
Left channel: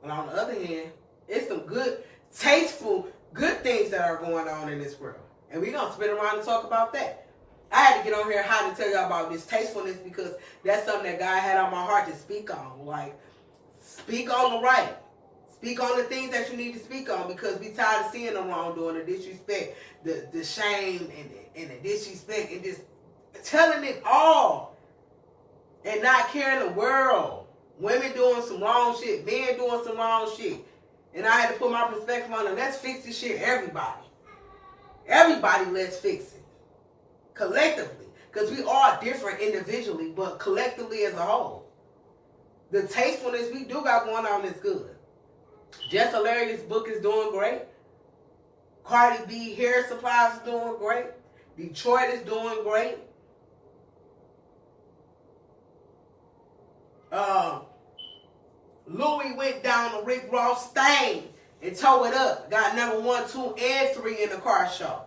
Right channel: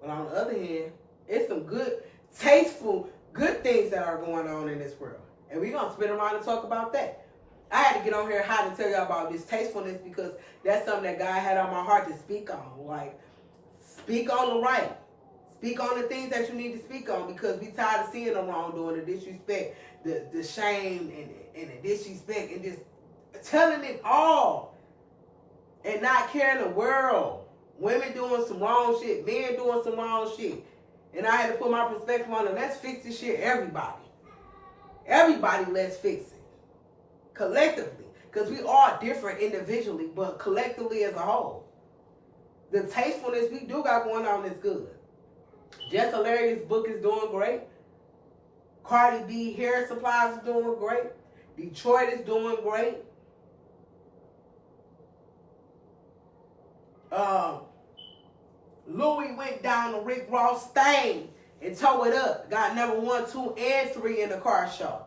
But on the other hand, it's some good, tasteful, good things that are going on in this world. And we're going to spin around and talk about that. I had to get on here hot to tell y'all about this tastefulness, because that's something that God had on my heart to speak on. Like, speak on the right. Speak on the things that you need to speak on, because we tired of seeing the wrongdoing, the disrespect, the shame, and the disrespect, and just telling it all and not caring the world. Women doing some wrong shit, men doing some wrong shit. And I had to put my perspective on it. Let's fix this shit, everybody. Everybody, let's fix it. Collectively. Because we are different individually, but collectively as a whole. The tastefulness we do got going on is good. Just Hilarious book is doing great. Cardi B hair supplies is doing great. Detroit is doing great. Louis went down to Rick Ross thing and tore it up. Got number 1, 2, and 3 in the car show.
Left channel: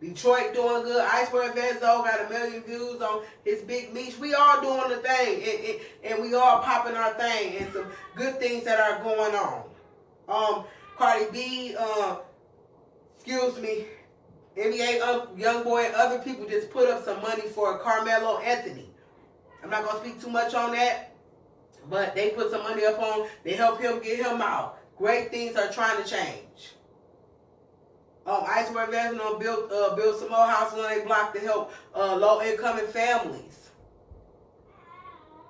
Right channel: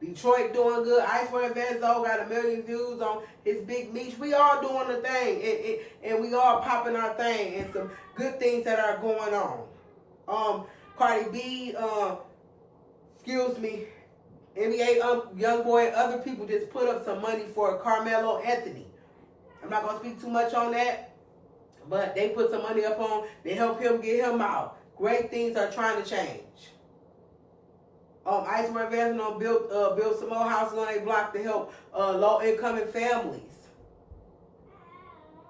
Detroit doing good. Icewear Vezo got 1 million views on his Big Meech. We all doing the thing, and we all popping our thing, and some good things that are going on. Cardi B, excuse me, NBA Youngboy and other people just put up some money for Carmelo Anthony. I'm not gonna speak too much on that, but they put some money up on. They help him get him out. Great things are trying to change. Icewear Vezo built some more houses on their block to help low-income families.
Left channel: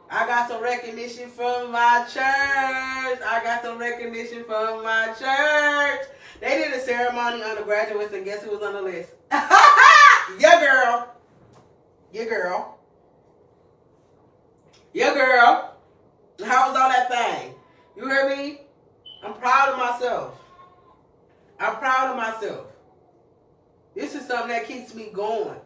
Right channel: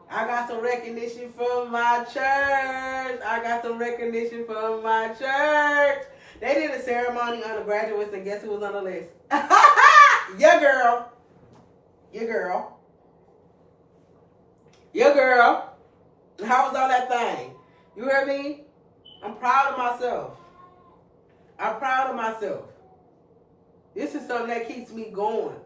I got some recognition from my church. I got some recognition from my church. They did a ceremony on the graduates, and guess who was on the list? Your girl. Your girl. Your girl. How was on that thing? You heard me? I'm proud of myself. I'm proud of myself. This is something that keeps me going.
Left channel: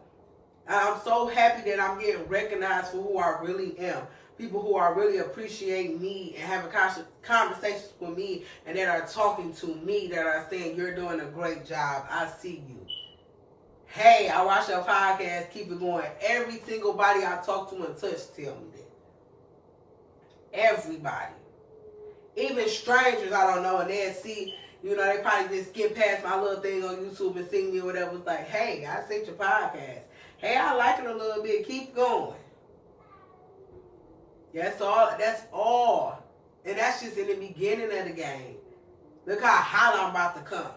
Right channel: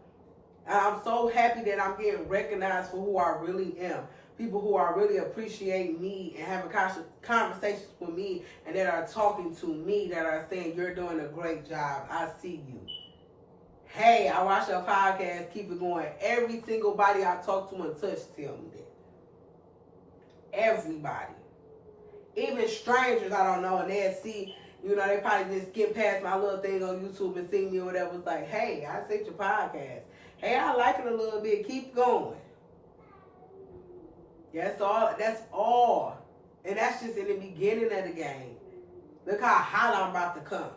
I'm so happy that I'm getting recognized for who I really am. People who are really appreciating me and having conversations with me, and that are talking to me, that are saying, you're doing a great job. I see you. hey, I watch your podcast, keep it going. Every single body I talk to and touch tell me that. Everybody. Even strangers I don't know, and they'll see, you know, they probably just skip past my little thing on YouTube and see me or whatever. It's like, hey, I seen your podcast. Hey, I like it a little bit. Keep going. That's all. That's all. And that's just in the beginning of the game. Look how hot I'm about to come.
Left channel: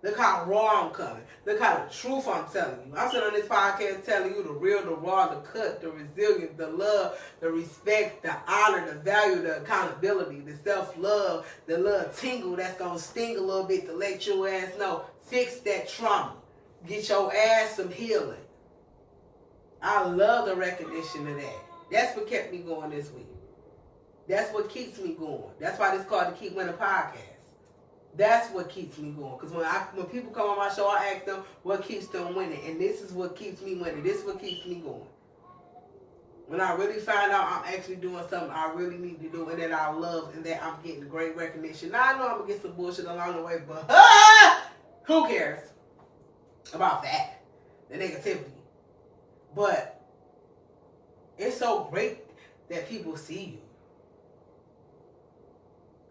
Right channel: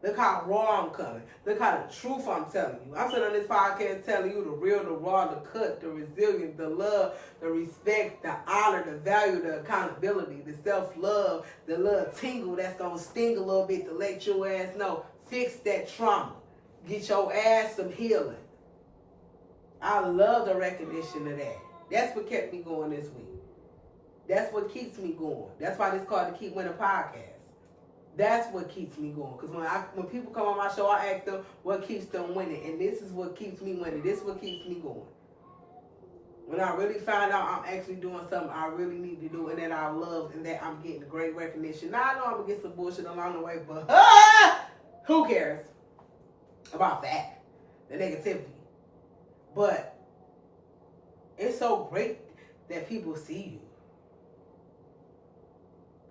Look how raw I'm coming. Look how the truth I'm telling you. I'm sitting on this podcast telling you the real, the raw, the cut, the resilience, the love, the respect, the honor, the value, the accountability, the self-love, the little tingle that's going to sting a little bit to let your ass know. Fix that trauma. Get your ass some healing. I love the recognition of that. That's what kept me going this week. That's what keeps me going. That's why it's called the Keep Winning Podcast. That's what keeps me going. Because when people come on my show, I ask them what keeps them winning. And this is what keeps me winning. This is what keeps me going. When I really find out I'm actually doing something I really need to do and that I love and that I'm getting great recognition. Now, I know I'm going to get some bullshit along the way, but who cares about that? The negativity. But it's so great that people see you.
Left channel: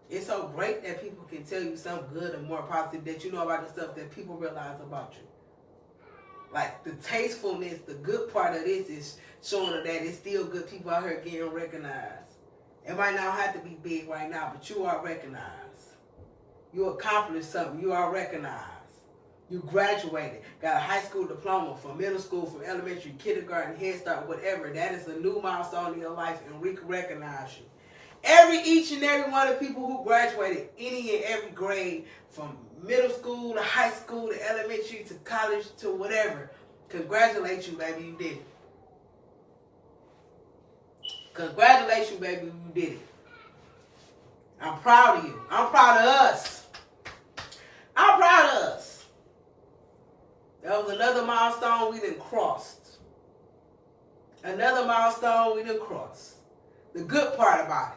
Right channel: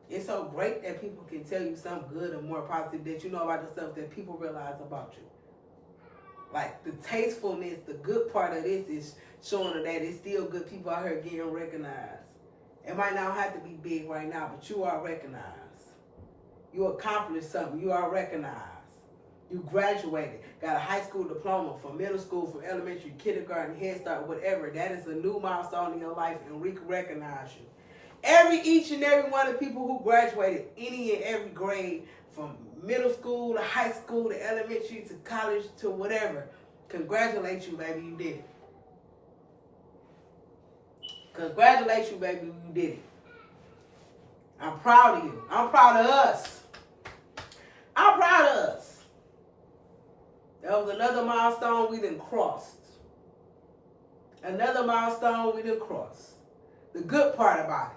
It's so great that people can tell you something good or more positive that you know about yourself that people realize about you. Like the tastefulness, the good part of this is showing them that it's still good people out here getting recognized. It might not have to be big right now, but you are recognized. You accomplished something. You are recognized. You graduated, got a high school diploma, from middle school, from elementary, kindergarten, Head Start, whatever. That is a new milestone in your life, and we can recognize you. Each and every one of the people who graduated any and every grade, from middle school to high school to elementary to college to whatever, congratulate you, baby, you did it. Congratulations, you, baby, you did it. I'm proud of you. I'm proud of us. I'm proud of us. That was another milestone we done crossed. Another milestone we done crossed. The good part about it.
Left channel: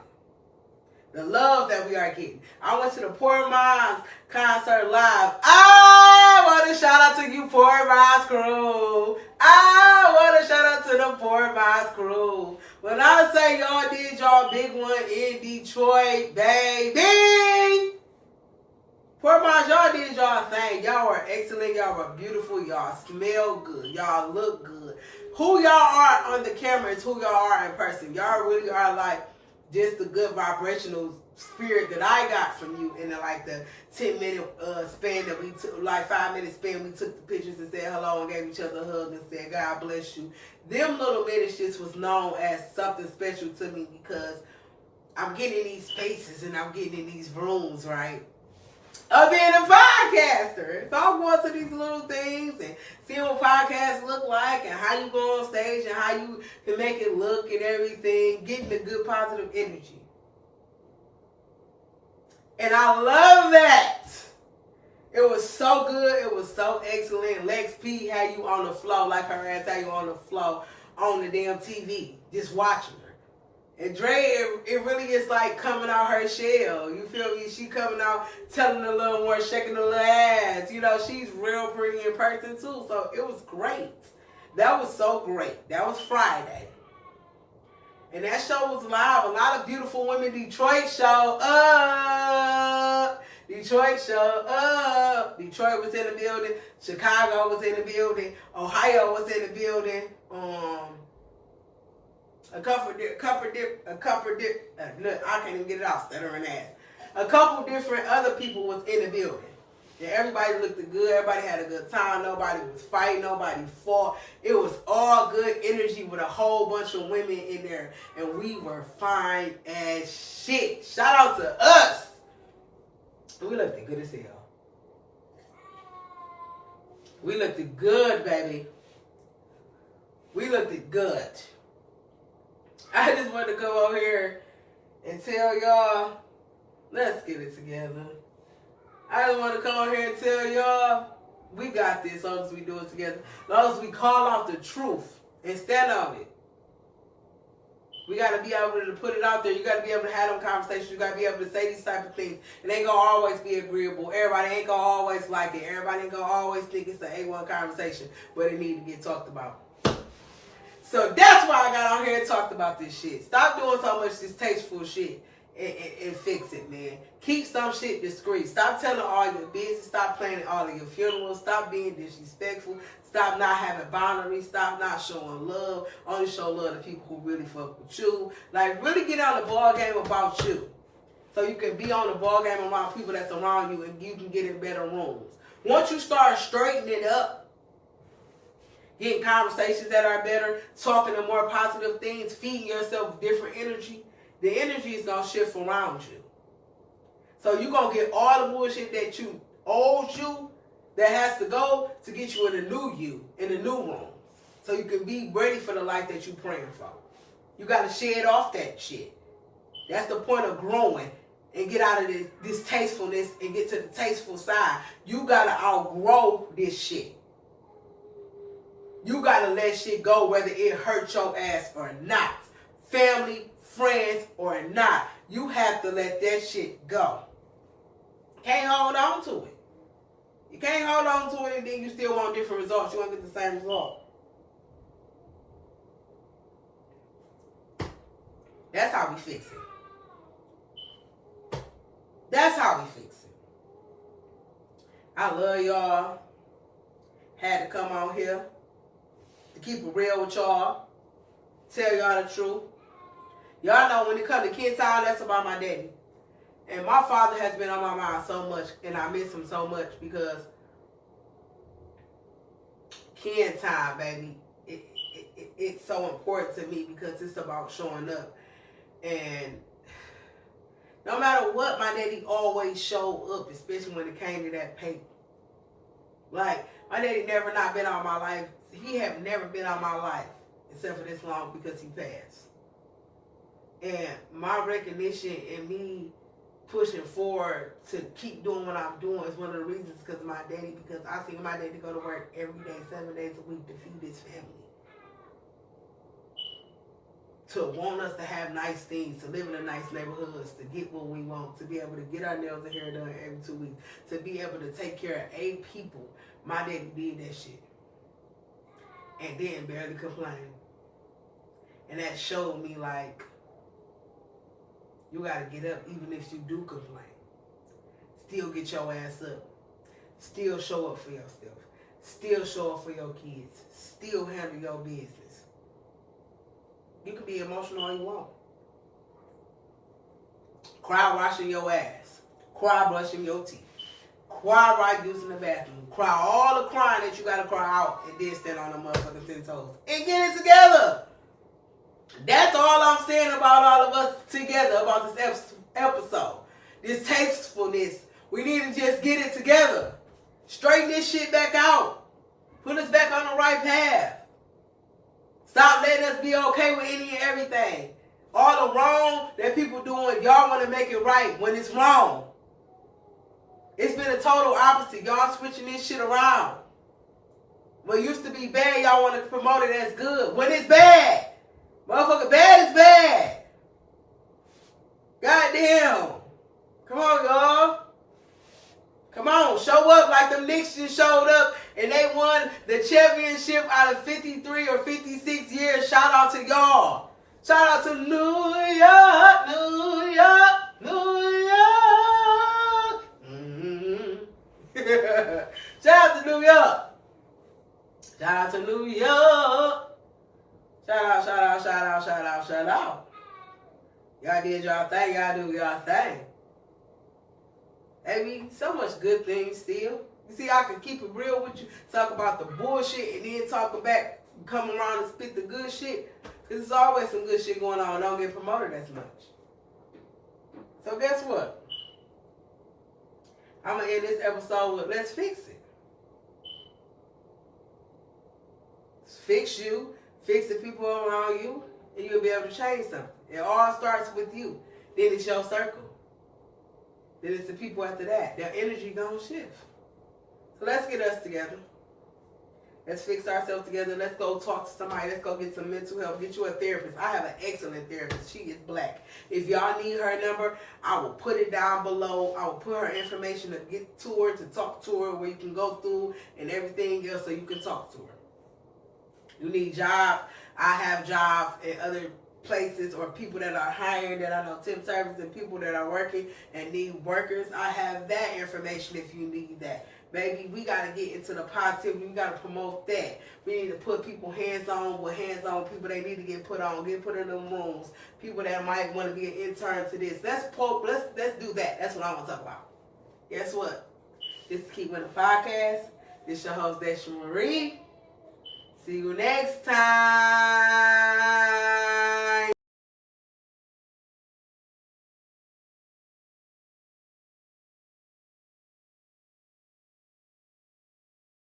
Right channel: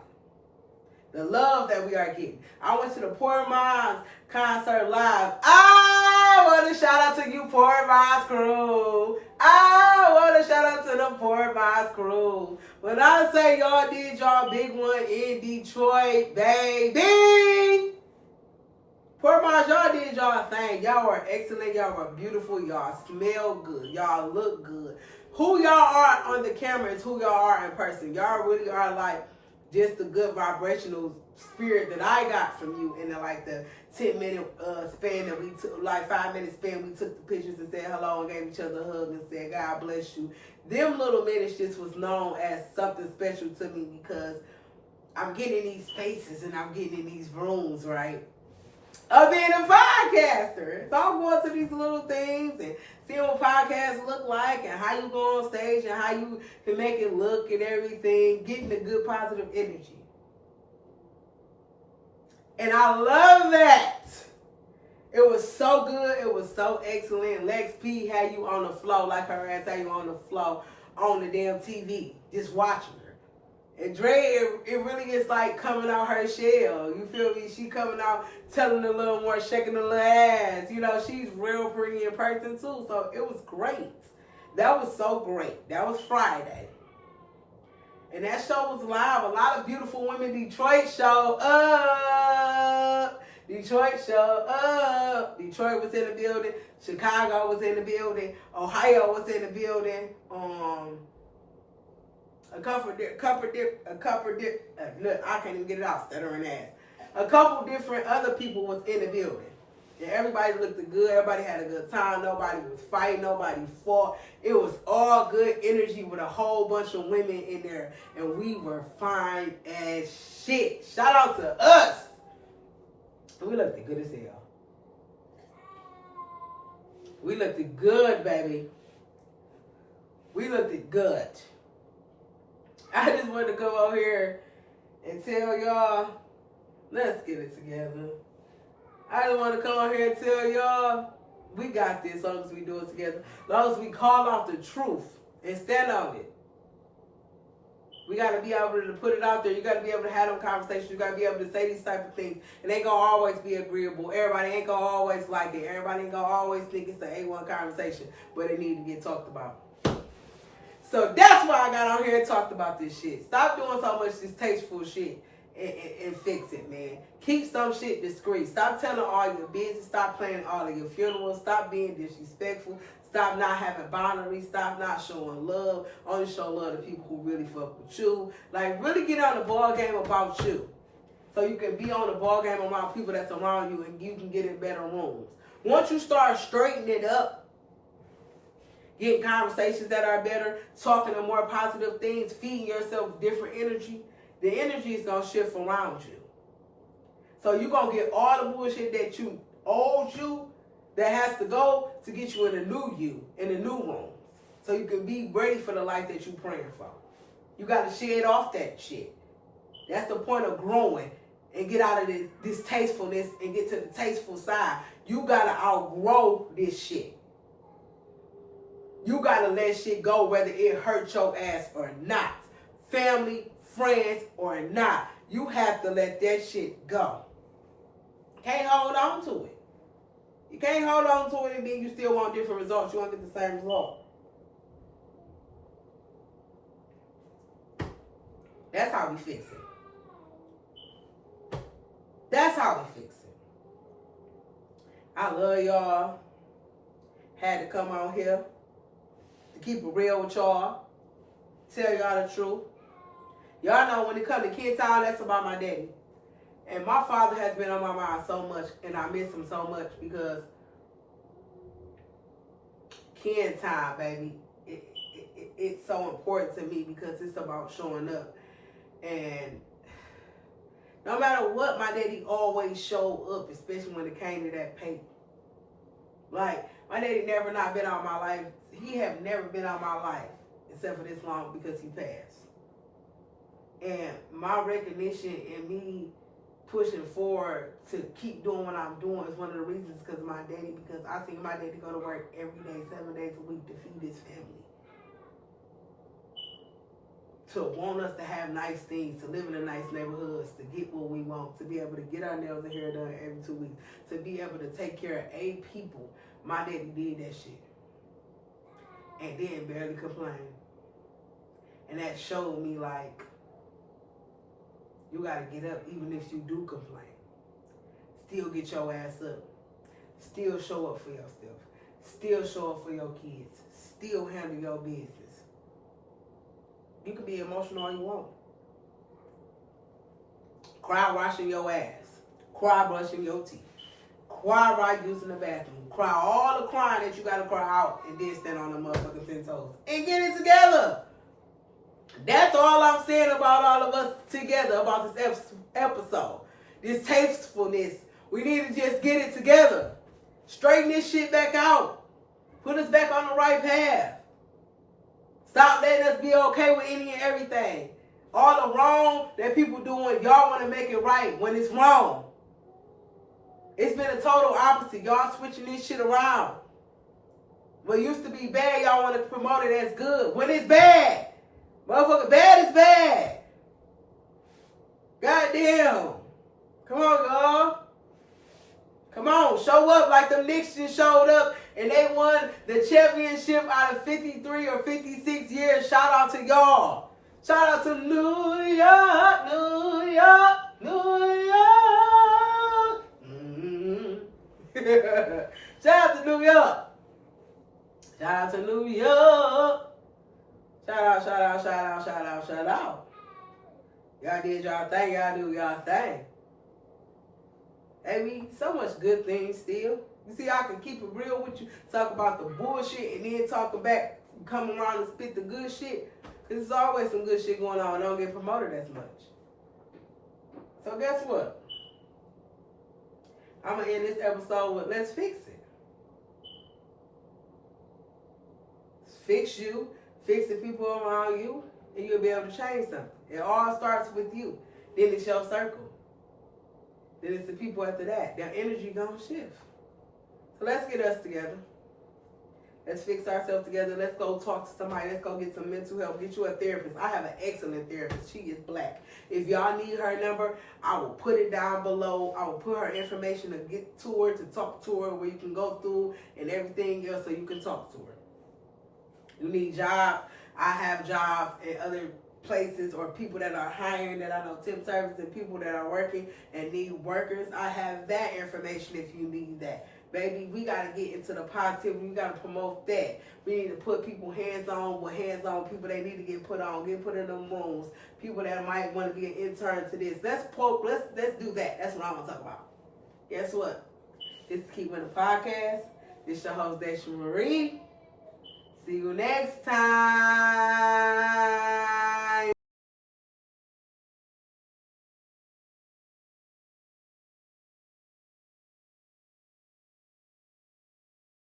The love that we are getting. I went to the Poor Minds concert live. I want to shout out to you, Poor Minds crew. I want to shout out to the Poor Minds crew. When I say y'all did y'all big one in Detroit, baby. Poor Minds, y'all did y'all thing. Y'all were excellent. Y'all were beautiful. Y'all smell good. Y'all look good. Who y'all are on the camera is who y'all are in person. Y'all really are like just the good vibrational spirit that I got from you in the 10-minute span that we took, 5-minute span we took the pictures and said hello and gave each other a hug and said God bless you. Them little minutes just was known as something special to me because I'm getting in these spaces and I'm getting in these rooms, right? Of being a podcaster. So I'm going to these little things and seeing what podcasts look like and how you go on stage and how you can make it look and everything. Getting the good positive energy. And I love that. It was so good. It was so excellent. Lex P had you on the floor like her ass had you on the floor on the damn TV. Just watching her. And Dre, it really is like coming out her shell. You feel me? She coming out telling a little more, shaking a little ass. You know, she's real pretty in person too. So it was great. That was so great. That was Friday. And that show was live. A lot of beautiful women. Detroit showed up. Detroit showed up. Detroit was in the building. Chicago was in the building. Ohio was in the building. I can't even get it out, stuttering ass. A couple different other people was in the building. And everybody looked good. Everybody had a good time. Nobody was fighting. Nobody fought. It was all good energy with a whole bunch of women in there. And we were fine as shit. Shout out to us. We looked good as hell. We looked good, baby. We looked good. I just wanted to come over here and tell y'all, let's get it together. I just want to come over here and tell y'all, we got this as long as we do it together. As long as we call off the truth and stand on it. We got to be able to put it out there. You got to be able to have them conversations. You got to be able to say these type of things. It ain't going to always be agreeable. Everybody ain't going to always like it. Everybody ain't going to always think it's an A1 conversation, but it need to get talked about. So that's why I got on here and talked about this shit. Stop doing so much distasteful shit and fix it, man. Keep some shit discreet. Stop telling all your business. Stop planning all of your funerals. Stop being disrespectful. Stop not having boundaries. Stop not showing love. Only show love to people who really fuck with you. Like, really get on the ball game about you. So you can be on the ball game around people that's around you and you can get in better rooms. Once you start straightening it up, getting conversations that are better, talking to more positive things, feeding yourself different energy, the energy is going to shift around you. So you're going to get all the bullshit that you old you that has to go to get you in a new you, in a new room. So you can be ready for the life that you're praying for. You got to shed off that shit. That's the point of growing and get out of this distastefulness and get to the tasteful side. You got to outgrow this shit. You got to let shit go whether it hurt your ass or not. Family, friends, or not. You have to let that shit go. Can't hold on to it. You can't hold on to it and then you still want different results. You won't get the same result. That's how we fix it. That's how we fix it. I love y'all. Had to come on here to keep it real with y'all. Tell y'all the truth. Y'all know when it comes to kid time, that's about my daddy. And my father has been on my mind so much, and I miss him so much because kid time, baby, it's so important to me because it's about showing up. And no matter what, my daddy always showed up, especially when it came to that paper. Like, my daddy never not been on my life. He have never been on my life except for this long because he passed. And my recognition and me pushing forward to keep doing what I'm doing is one of the reasons because of my daddy, because I see my daddy go to work every day, 7 days a week to feed his family. To want us to have nice things, to live in a nice neighborhoods, to get what we want, to be able to get our nails and hair done every 2 weeks, to be able to take care of 8 people. My daddy did that shit. And then barely complain. And that showed me, like, you got to get up even if you do complain. Still get your ass up. Still show up for yourself. Still show up for your kids. Still handle your business. You can be emotional all you want. Cry washing your ass. Cry brushing your teeth. Cry right using the bathroom. Cry all the crying that you got to cry out and then stand on the motherfucking 10 toes. And get it together. That's all I'm saying about all of us together about this episode. This tastefulness. We need to just get it together. Straighten this shit back out. Put us back on the right path. Stop letting us be okay with any and everything. All the wrong that people doing, y'all want to make it right when it's wrong. It's been a total opposite. Y'all switching this shit around. What used to be bad, y'all want to promote it as good. When it's bad. Motherfucker, bad is bad. Goddamn. Come on, y'all. Come on, show up like them Knicks just showed up and they won the championship out of 53 or 56 years. Shout out to y'all. Shout out to New York, New York, New York. Mm-hmm. Shout out to New York. Shout out to New York. Shout out, shout out, shout out, shout out, shout out. Y'all did y'all thing, y'all do y'all thing. Baby, so much good things still. You see, I can keep it real with you, talk about the bullshit, and then talk back, come around and spit the good shit. Because there's always some good shit going on. Don't get promoted as much. So guess what? I'm going to end this episode with let's fix it. Fix you, fix the people around you, and you'll be able to change something. It all starts with you. Then it's your circle. Then it's the people after that. Their energy gonna shift. So let's get us together. Let's fix ourselves together. Let's go talk to somebody. Let's go get some mental help. Get you a therapist. I have an excellent therapist. She is black. If y'all need her number, I will put it down below. I will put her information to get to her, to talk to her, where you can go through and everything else so you can talk to her. You need jobs. I have jobs in other places, or people that are hiring, that I know temp service, and people that are working and need workers. I have that information if you need that. Baby, we got to get into the positivity. We got to promote that. We need to put people hands-on with hands-on people they need to get put on, get put in them rooms. People that might want to be an intern to this. Let's do that. That's what I want to talk about. Guess what? This is Keep Winning Podcast. This your host, Desha Marie. See you next time.